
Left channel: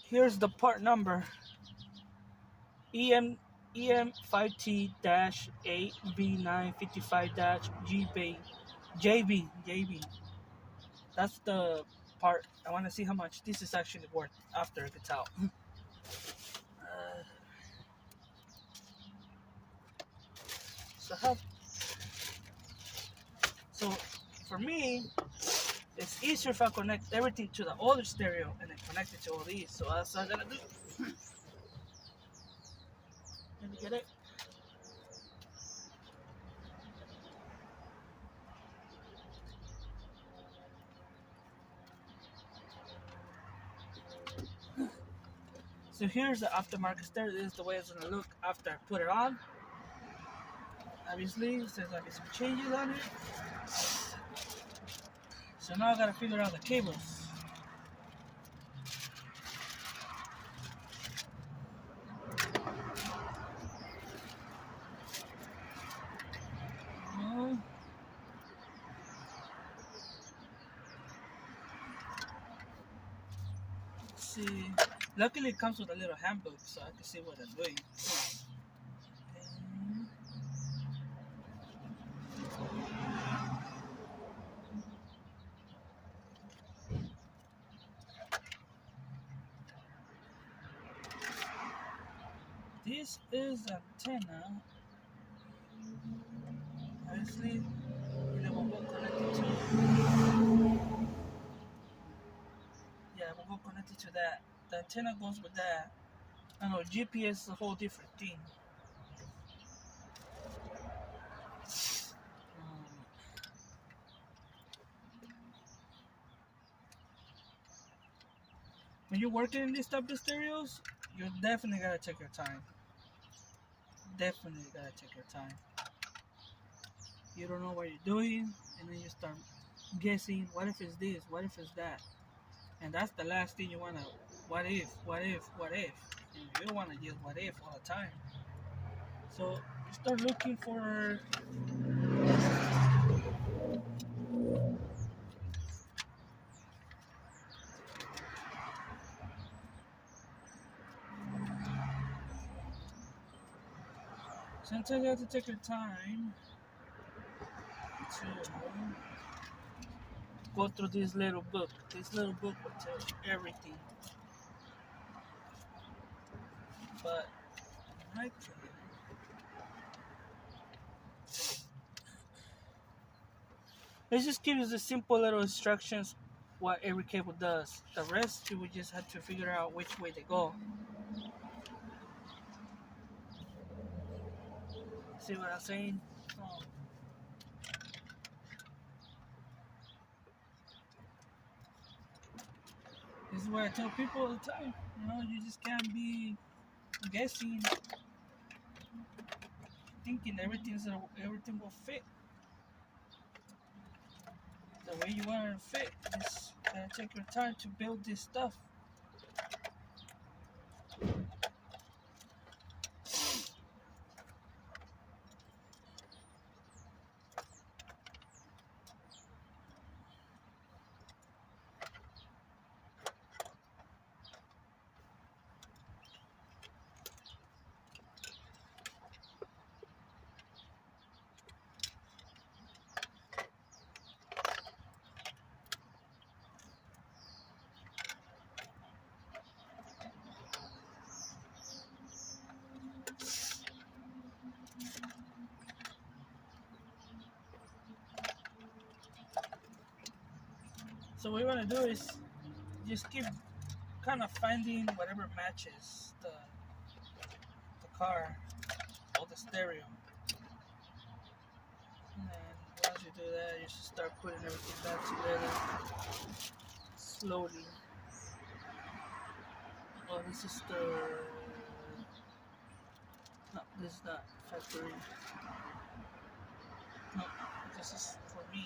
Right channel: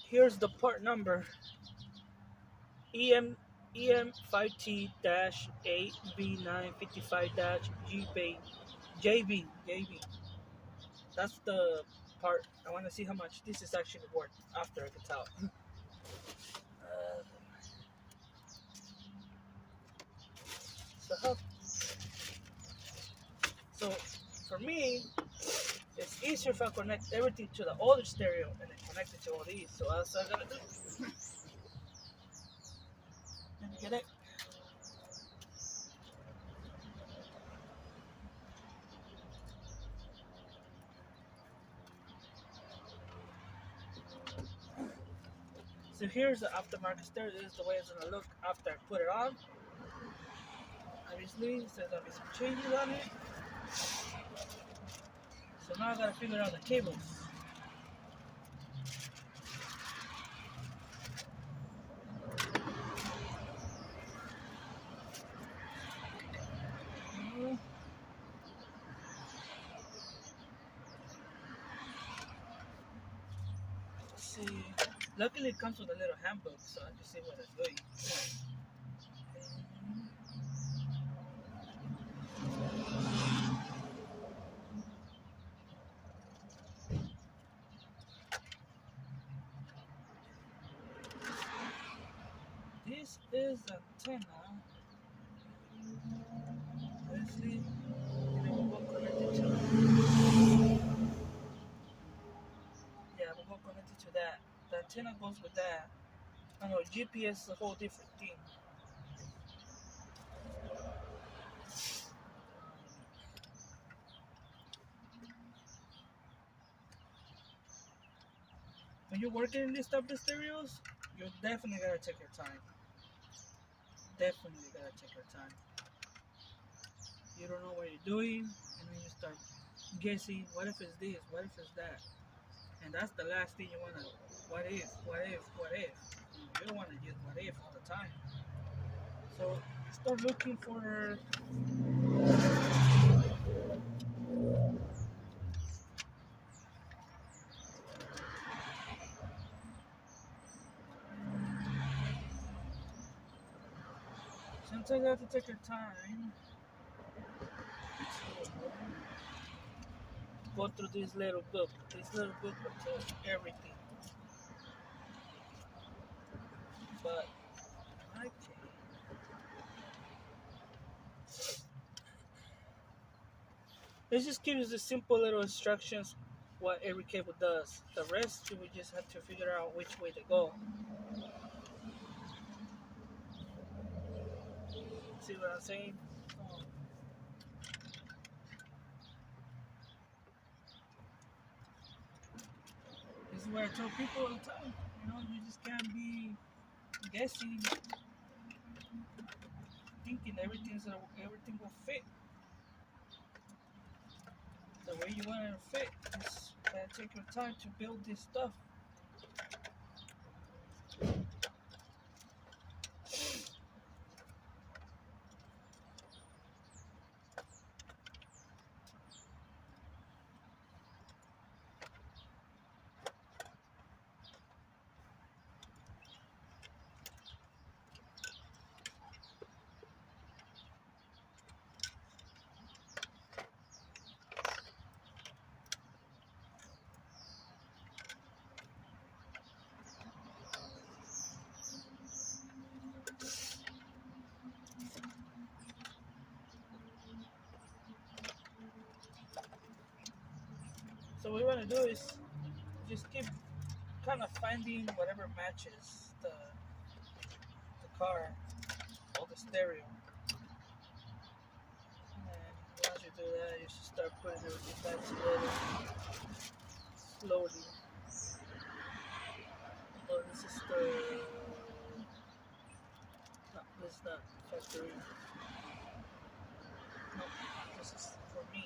Here's the part number: EM5T-8V955-GB. That's the part. I want to see how much this is actually worth after it gets out. So for me, It's easier if I connect everything to the other stereo and then connect it to all these. So that's what I'm gonna do. Let me get it. So here's the aftermarket stereo. This is the way it's gonna look after I put it on. Obviously, there's gonna be some changes on it. So now I gotta figure out the cables. Let's see. Luckily, it comes with a little handbook, so I can see what I'm doing. This is the antenna. Obviously, they will go connected to. Yeah, we'll go connected to that. The antenna goes with that. I know GPS is a whole different thing. When you're working in these type of stereos, you definitely gotta take your time. Definitely gotta take your time. You don't know what you're doing, and then you start guessing. What if it's this? What if it's that? And that's the last thing you wanna. What if? What if? What if? And you don't wanna just what if all the time. So start looking for. Sometimes you have to take your time to go through this little book. This little book will tell you everything. But okay. Let's just give you the simple little instructions what every cable does. The rest you will just have to figure out which way to go. See what I'm saying? Oh. This is what I tell people all the time. You know, you just can't be guessing, thinking everything will fit the way you want it to fit. Just gotta take your time to build this stuff. So what you want to do is just keep kind of finding whatever matches the car or the stereo. And once you do that, you should start putting everything back together slowly. Oh, this is the no, this is not factory. No, this is for me.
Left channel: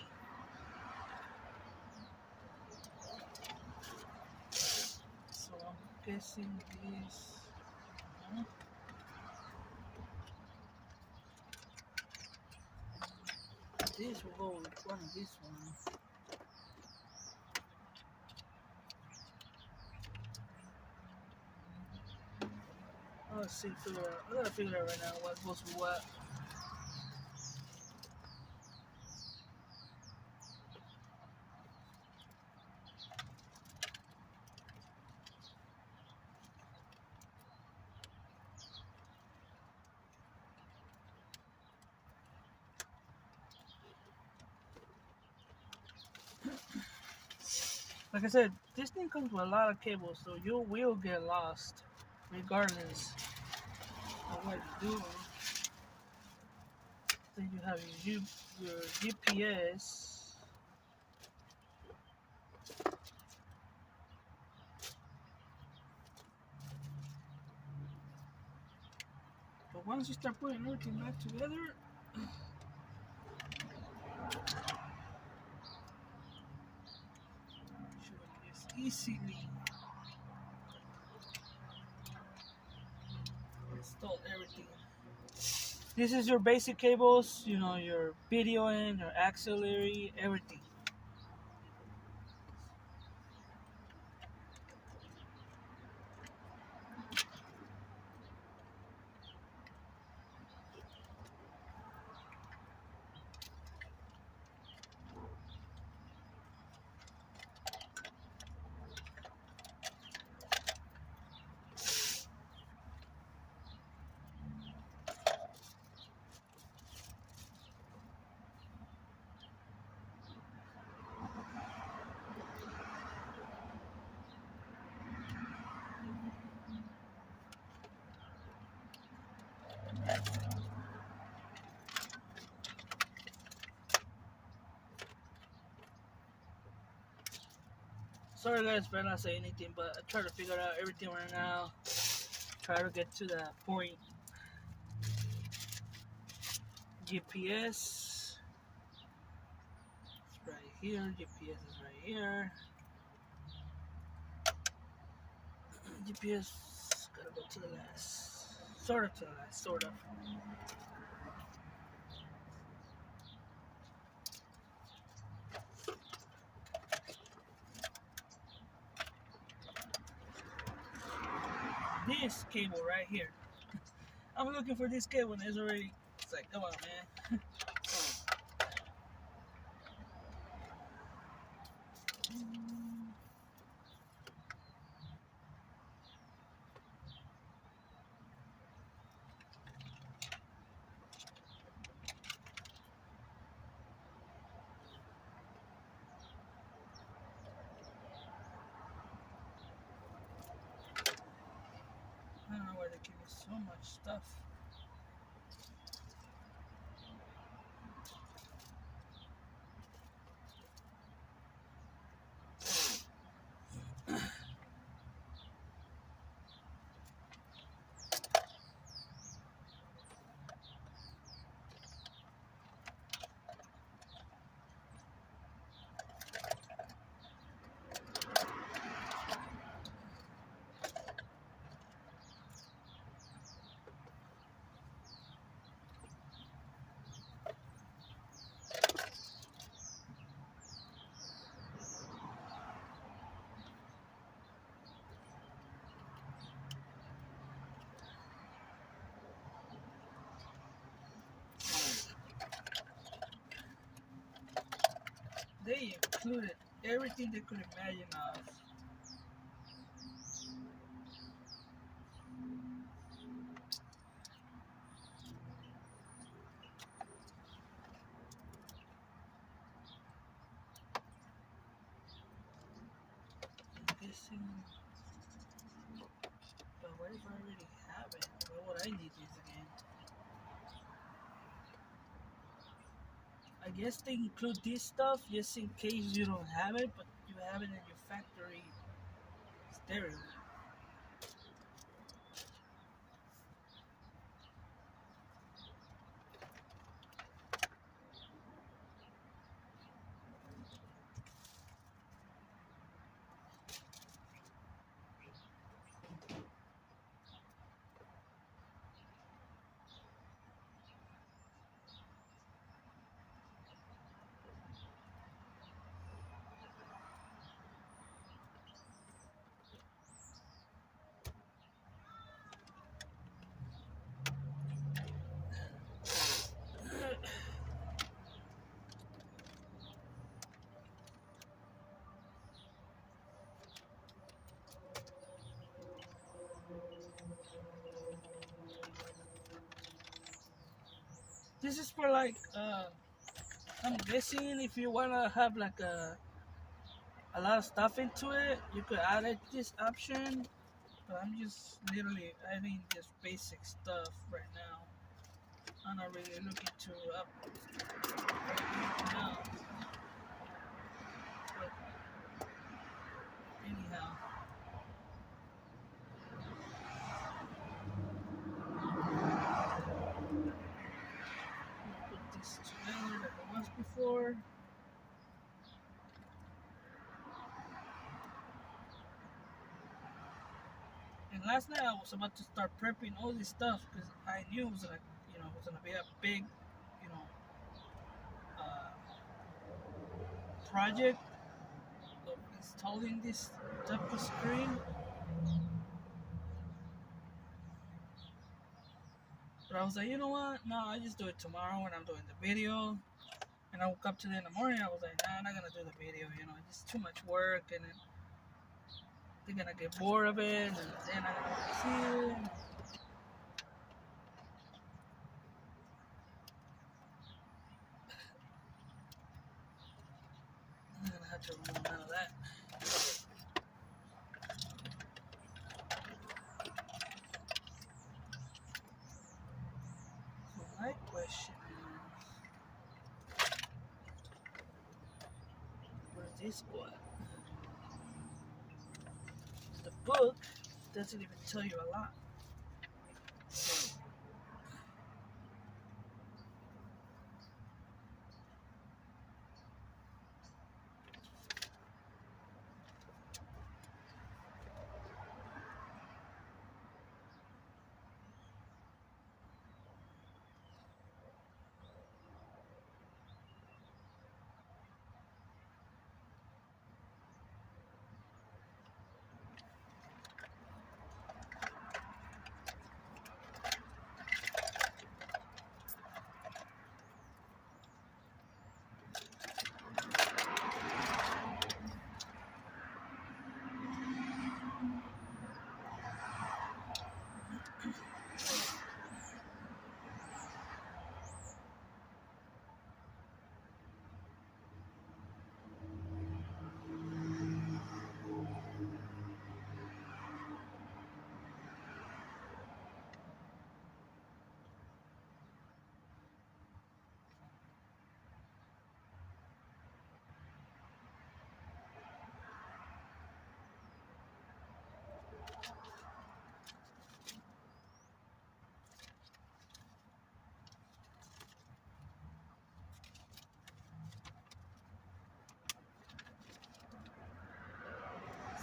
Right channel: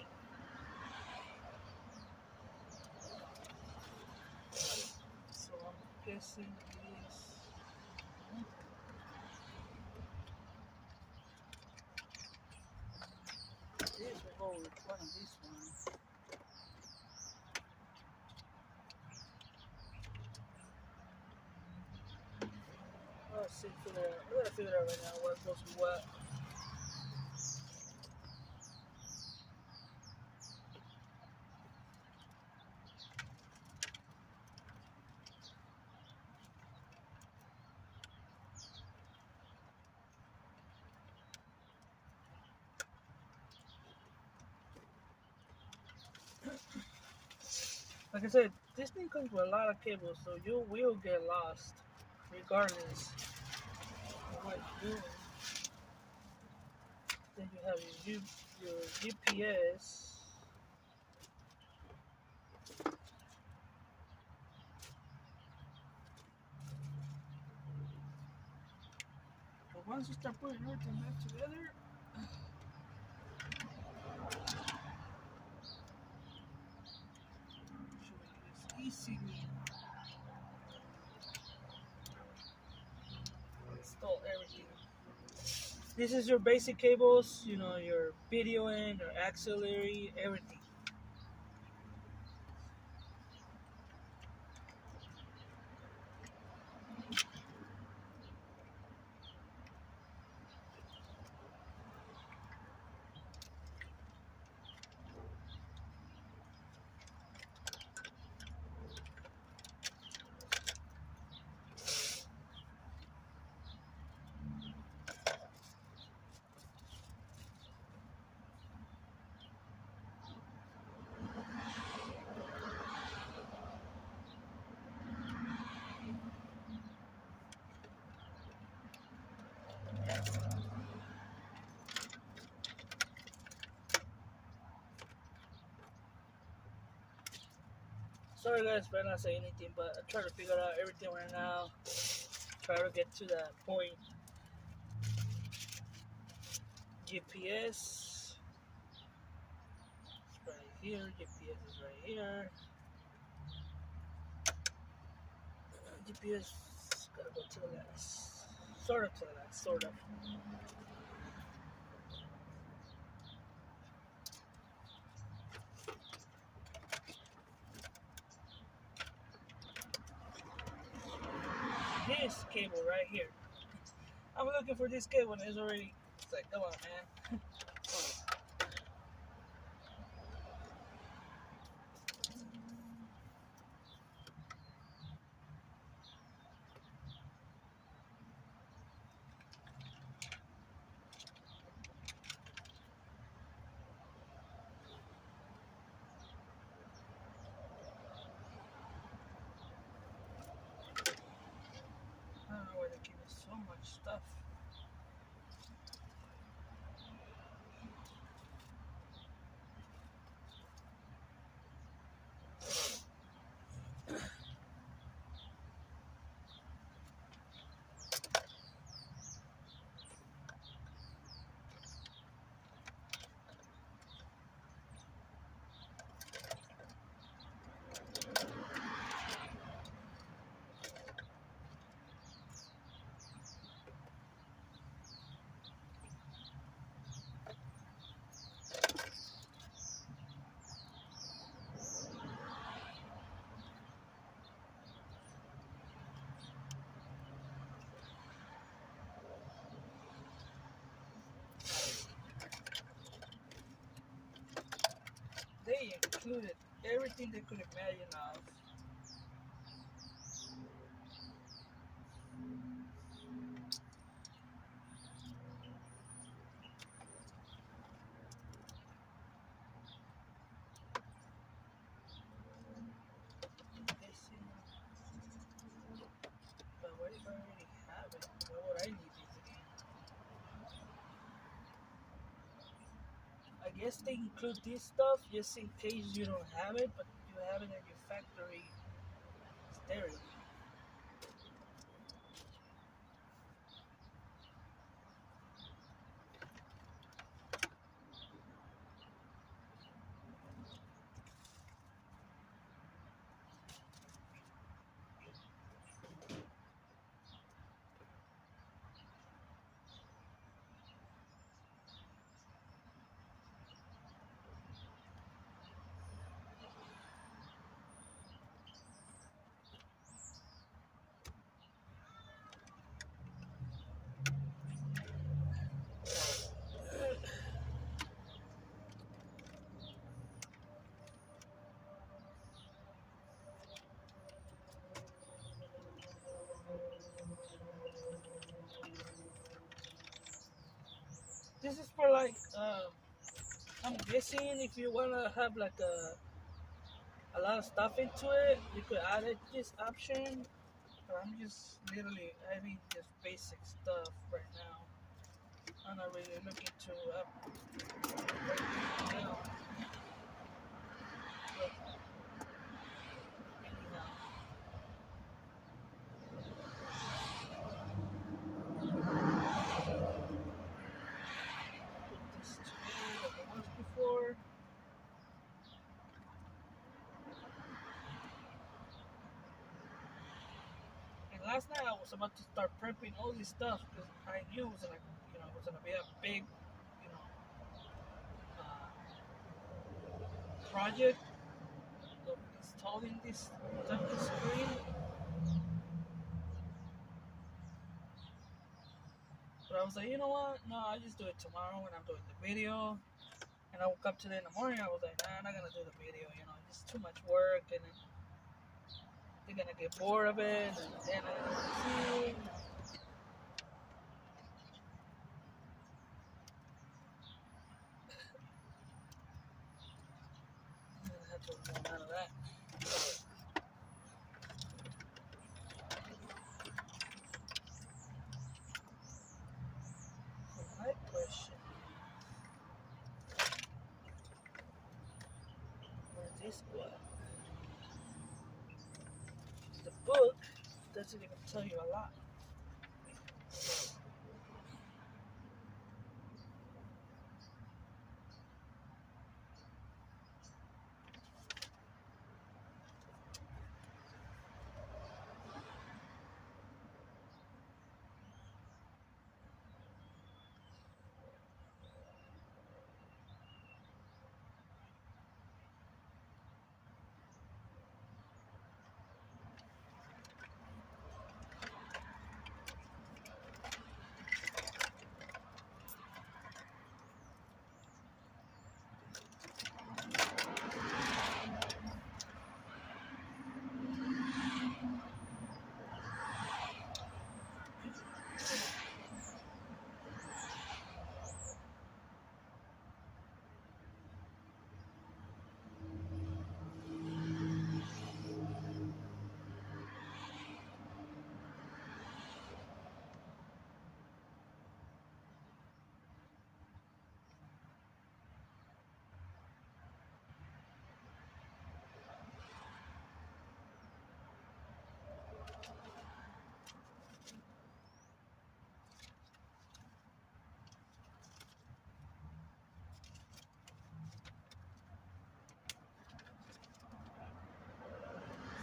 So I'm guessing this. This will go with one of these ones. Let's see, figure out. I gotta figure out right now what goes with what. Like I said, this thing comes with a lot of cables, so you will get lost, regardless of what you're doing. Then you have your GPS. But once you start putting everything back together, you just easily install everything. This is your basic cables, you know, your video in, your auxiliary, everything. Sorry guys for not saying anything, but I try to figure out everything right now. Try to get to that point. GPS is right here. GPS is right here. GPS gotta go to the last. Sort of to the last, sort of. This cable right here. I'm looking for this cable and it's already, it's like, come on, man. I don't know why they give me so much stuff. They included everything they could imagine of. I'm guessing, but what if I already have it? Why would I need this again? I guess they include this stuff just in case you don't have it, but you have it in your factory stereo. This is for like, I'm guessing if you wanna have like a lot of stuff into it. You could add it this option, but I'm just literally adding just basic stuff right now. I'm not really looking to up everything else. But anyhow, put this together like I was before. And last night I was about to start prepping all this stuff because I knew it was gonna, it was gonna be a big, you know, project of installing this type of screen. But I was like, you know what? No, I just do it tomorrow when I'm doing the video. And I woke up today in the morning. I was like, nah, I'm not gonna do the video. It's too much work, and then they're gonna get bored of it, and then I'm gonna see it. I'm gonna have to remove none of that. So my question is, where's this one? The book doesn't even tell you a lot.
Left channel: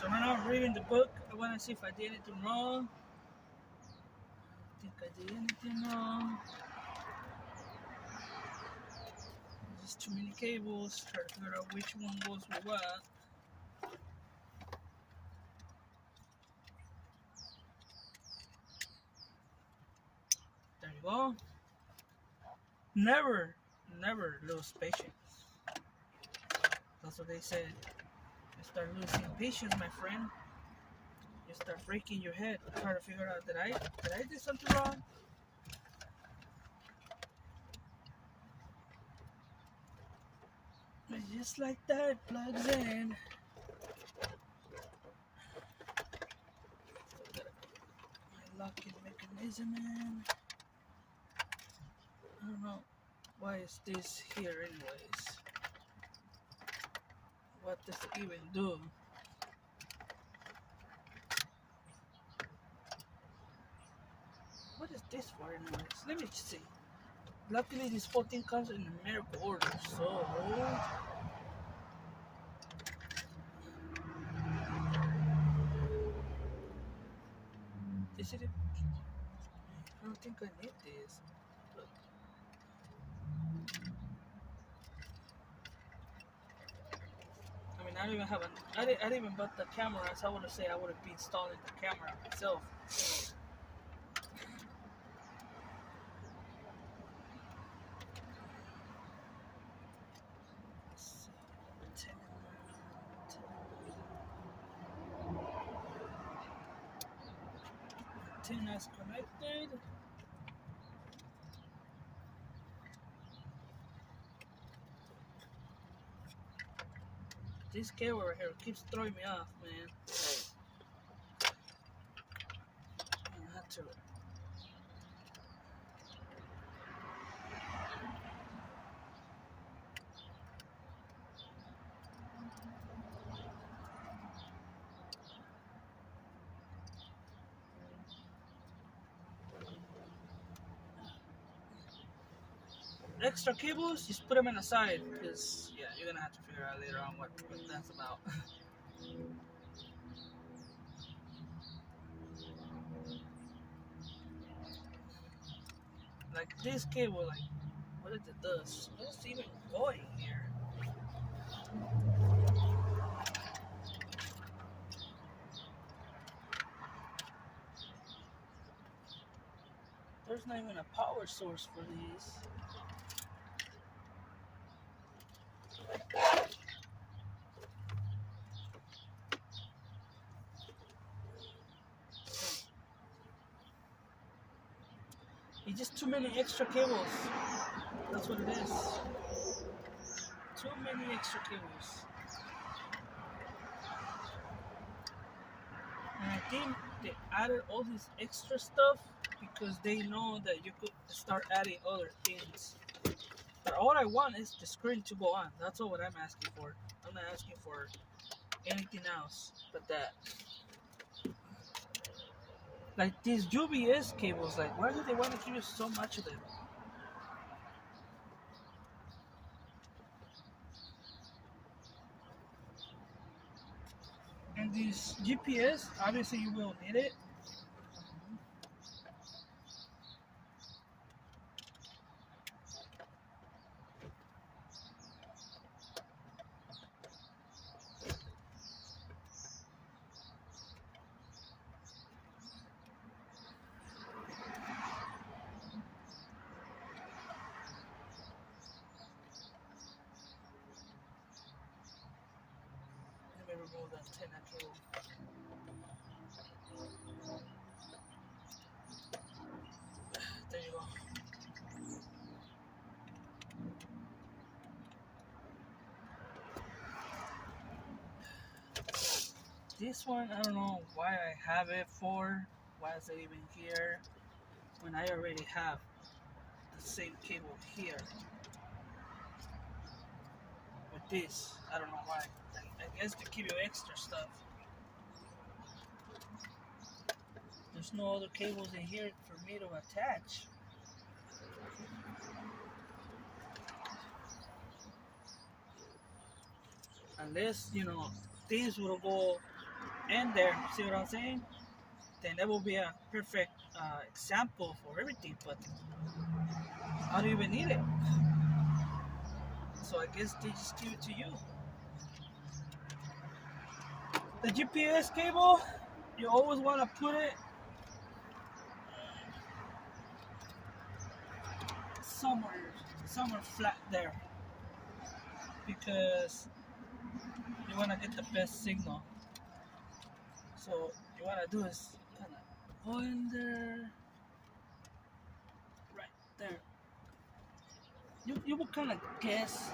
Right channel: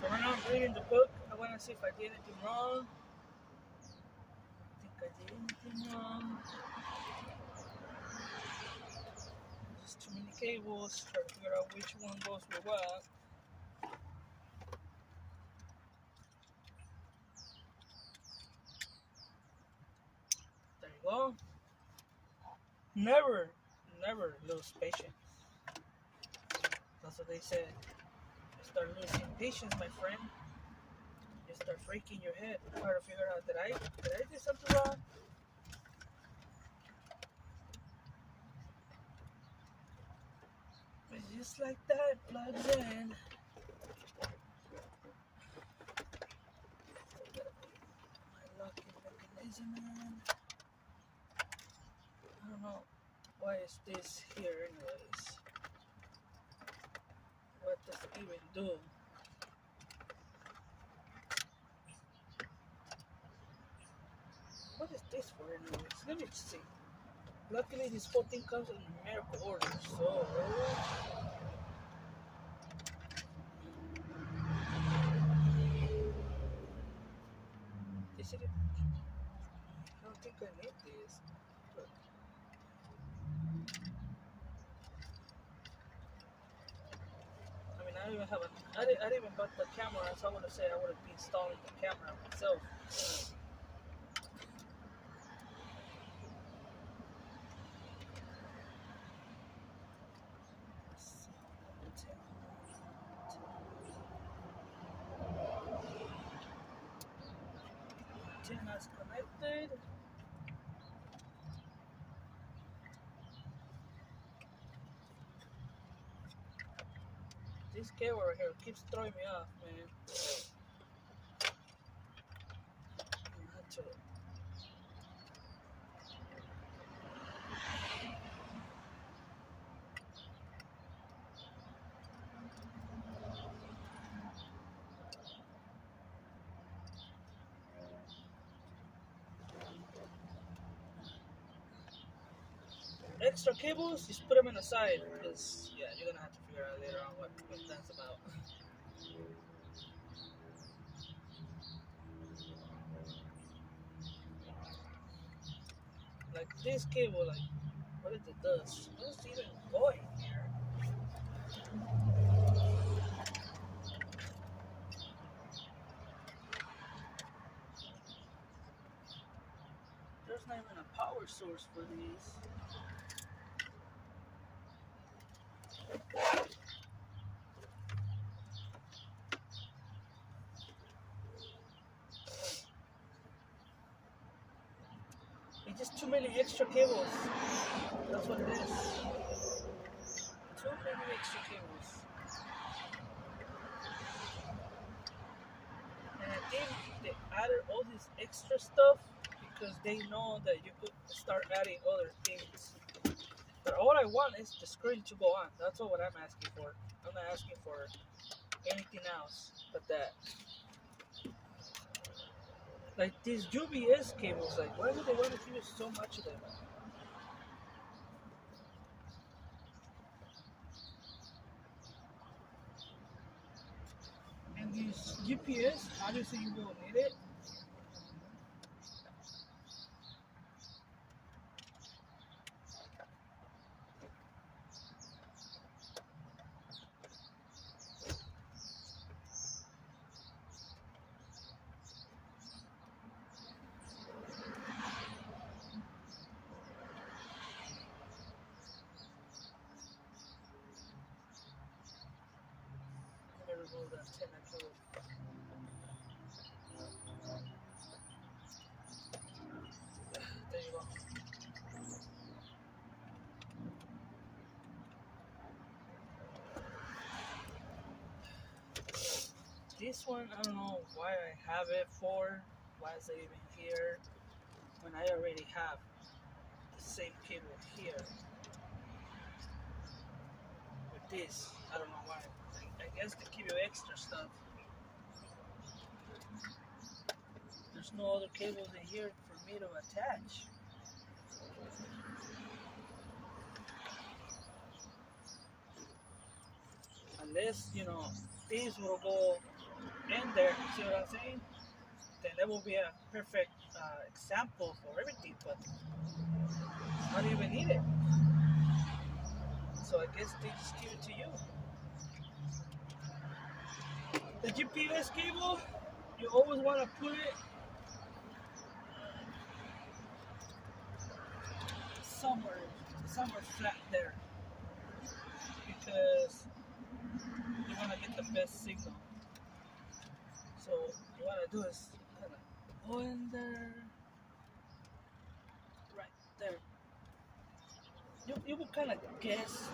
So when I'm reading the book, I want to see if I did anything wrong. I think I did anything wrong. Just too many cables. Try to figure out which one goes with what. There you go. Never lose patience. That's what they said. You start losing patience, my friend. You start breaking your head, trying to figure out did I do something wrong? And just like that, it plugs in. My locking mechanism in. I don't know why is this here anyways. What does it even do? What is this for anyways? Let me see. Luckily this whole thing comes in numerical order, so this is it. I don't think I need this. Look. I mean, I don't even have I didn't even bought the camera, so I would have said I would have been installing the camera myself. Antennas connected. This cable right here keeps throwing me off, man. I have to. Extra cables, just put them in the side because yeah, you're gonna have to figure out later on what that's about. Like this cable, like what is it does? What's even going here? There's not even a power source for these. It's just too many extra cables. That's what it is. Too many extra cables. And I think they added all this extra stuff because they know that you could start adding other things. But all I want is the screen to go on. That's all what I'm asking for. I'm not asking for anything else but that. Like these UPS cables, like why do they want to give you so much of them? And these GPS, obviously you will need it. Let me remove that antenna cable. There you go. This one, I don't know why I have it for. Why is it even here? When I already have the same cable here. With this, I don't know why. I guess to give you extra stuff. There's no other cables in here for me to attach. Unless, these will go in there, see what I'm saying? Then that will be a perfect example for everything, but I don't even need it. So I guess they just give it to you. The GPS cable, you always want to put it somewhere flat there, because you want to get the best signal. So you want to do is kind of go in there, right there. You will kind of guess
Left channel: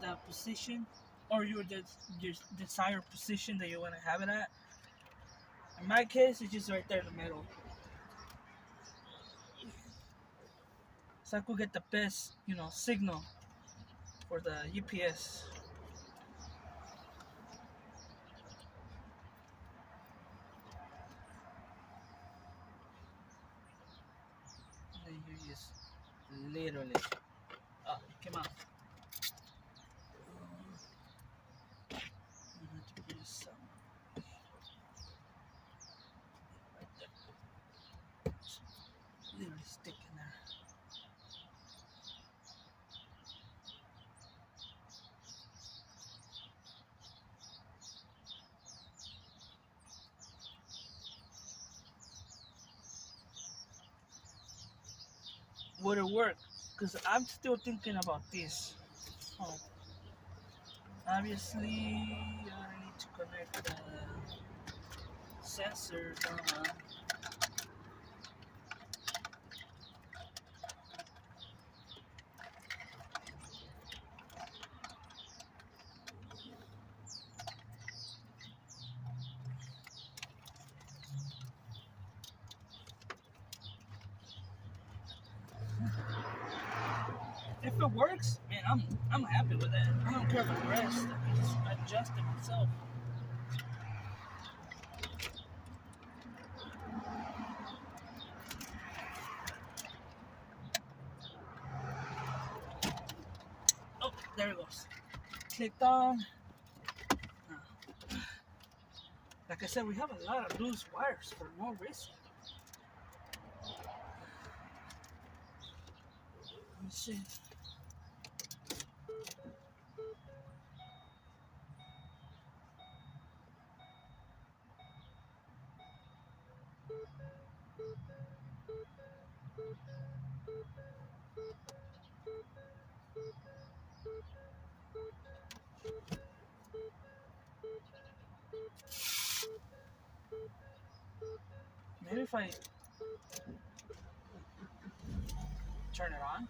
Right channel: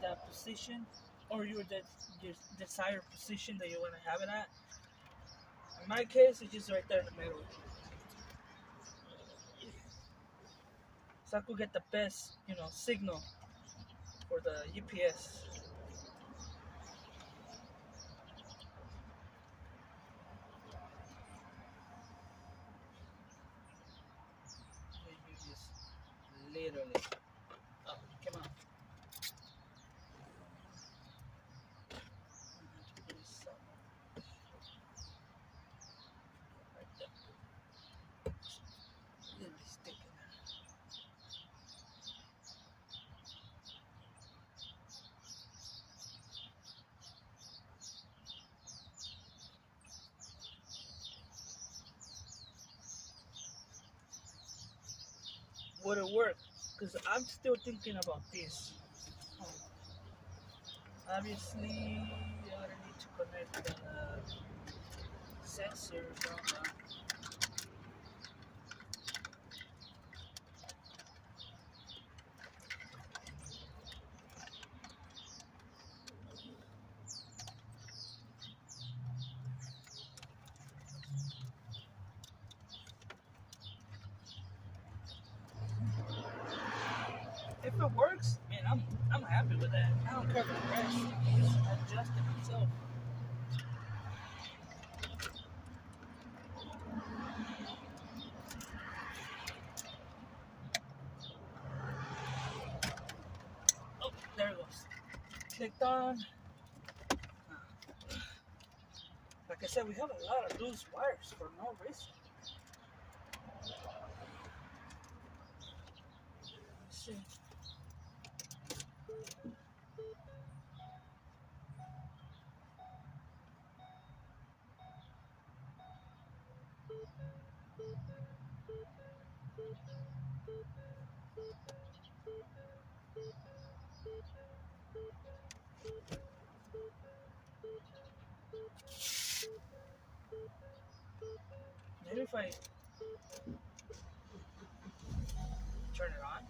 the position or your desired position that you want to have it at. In my case, it's just right there in the middle. So I could get the best, signal for the UPS. And you just literally, come on. Literally stick in there. Would it work? Because I'm still thinking about this. Oh. Obviously, I need to connect the sensors on. if it works, man, I'm happy with that. I don't care the rest. I just adjust it myself. Oh, there it goes. Clicked on. Like I said, we have a lot of loose wires for no reason. Let me see. Maybe if I turn it on.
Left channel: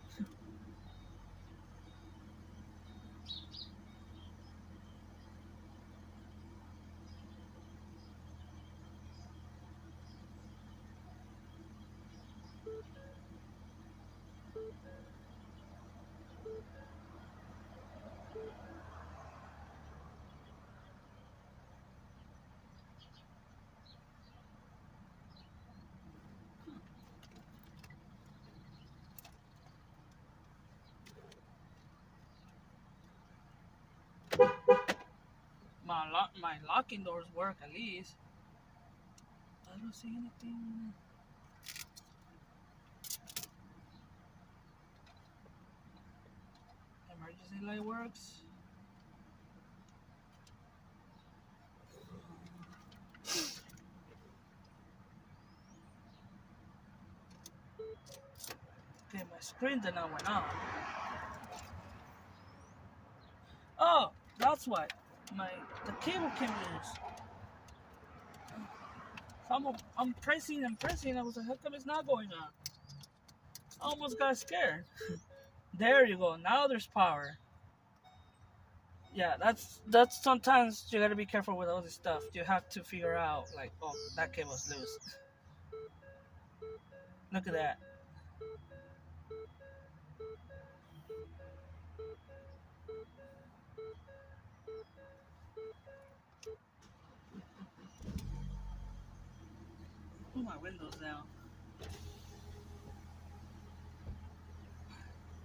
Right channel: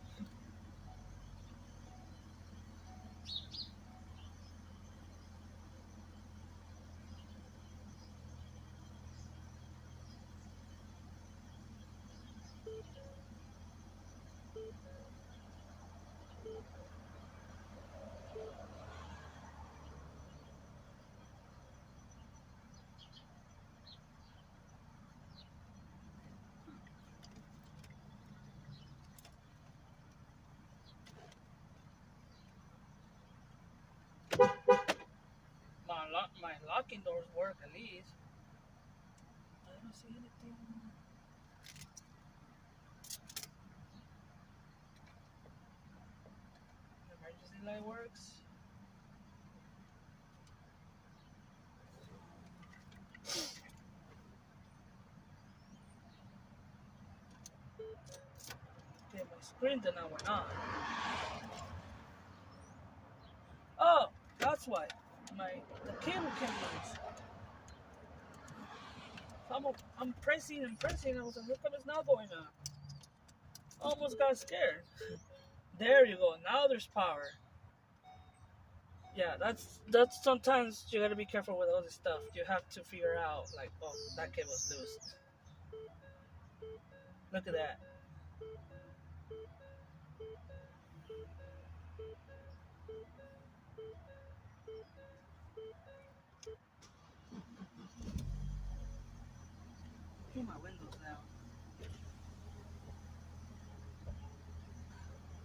My locking doors work at least. I don't see anything. Emergency light works. Okay, my screen did not went on. Oh, that's why. The cable came loose. So I'm pressing and pressing. I was like, how come it's not going on? Almost got scared. There you go. Now there's power. Yeah, that's sometimes you gotta be careful with all this stuff. You have to figure out like, oh, that cable's loose. Look at that. Put my windows down.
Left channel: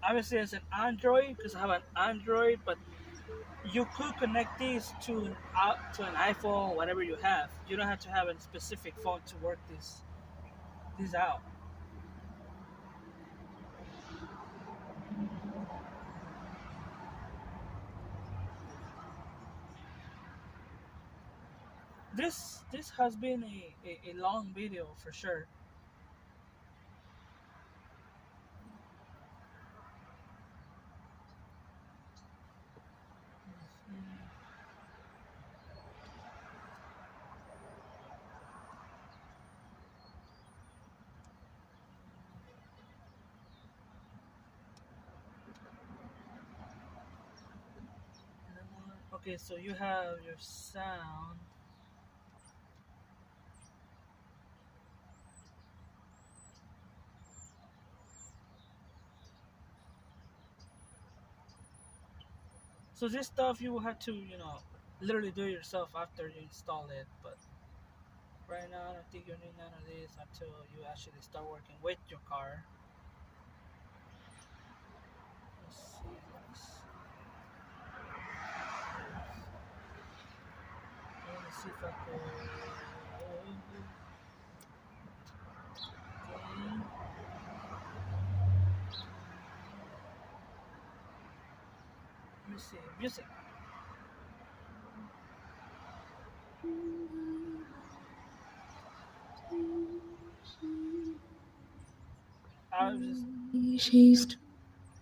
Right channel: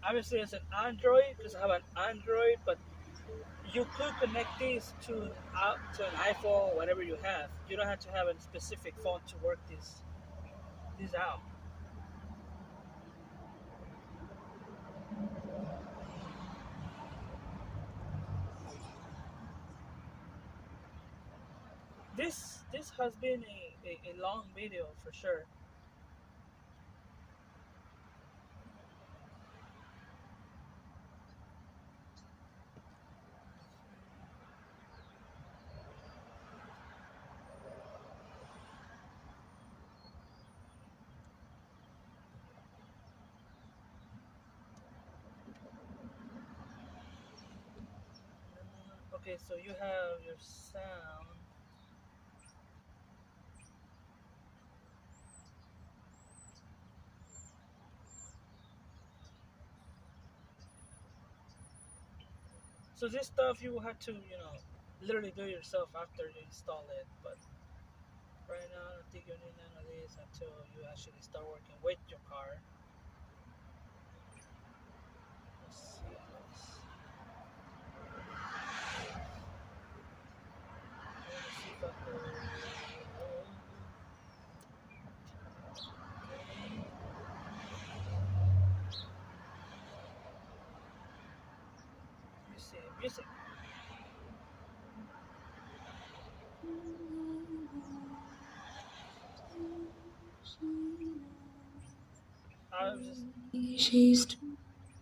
Obviously, it's an Android because I have an Android, but you could connect these to an iPhone, whatever you have. You don't have to have a specific phone to work these out. This has been a long video for sure. Okay, so you have your sound. So this stuff you will have to, literally do it yourself after you install it. But right now, I don't think you need none of this until you actually start working with your car. Let's see. Let me see if I can. Let me see. Music.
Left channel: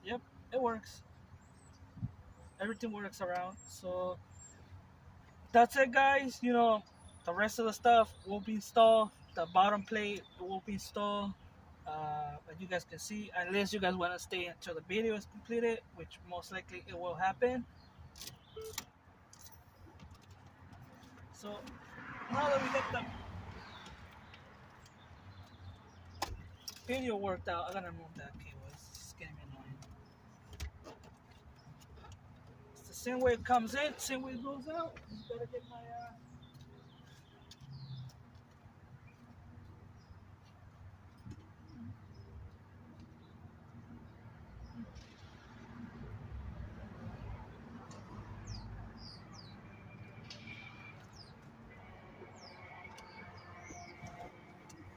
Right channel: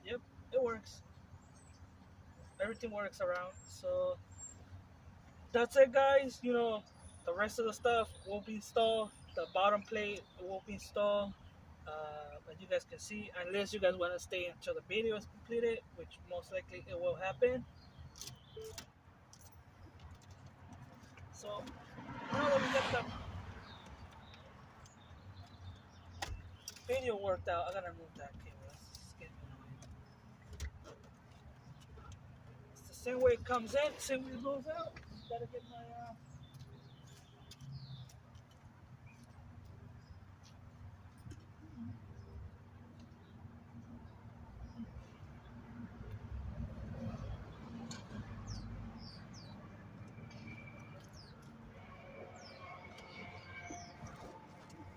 Yep, it works. Everything works around. So that's it, guys. The rest of the stuff will be installed. The bottom plate will be installed. But you guys can see, unless you guys want to stay until the video is completed, which most likely it will happen. So now that we got the video worked out, I'm gonna move that cable. It's getting me annoying. Same way it comes in, same way it goes out. Just gotta get my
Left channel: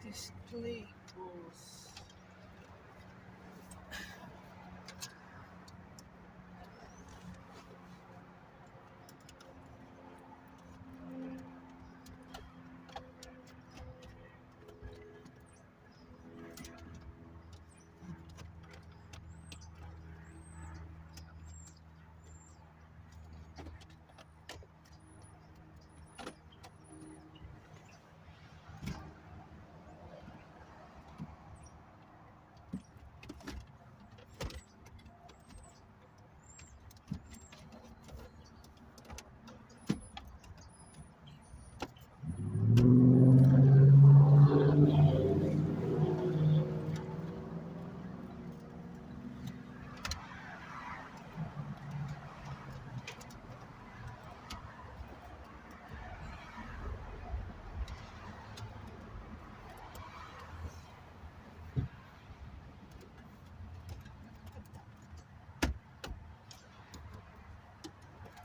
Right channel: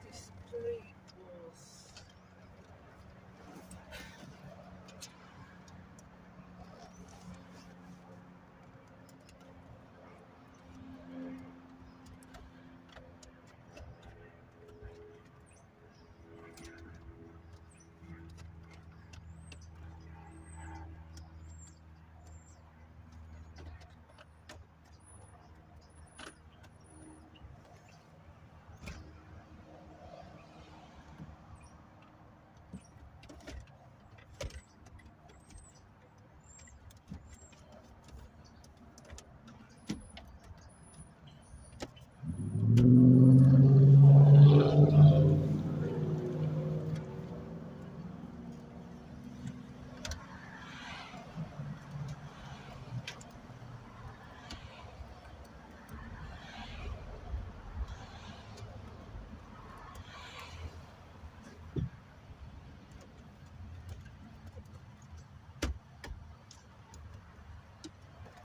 display.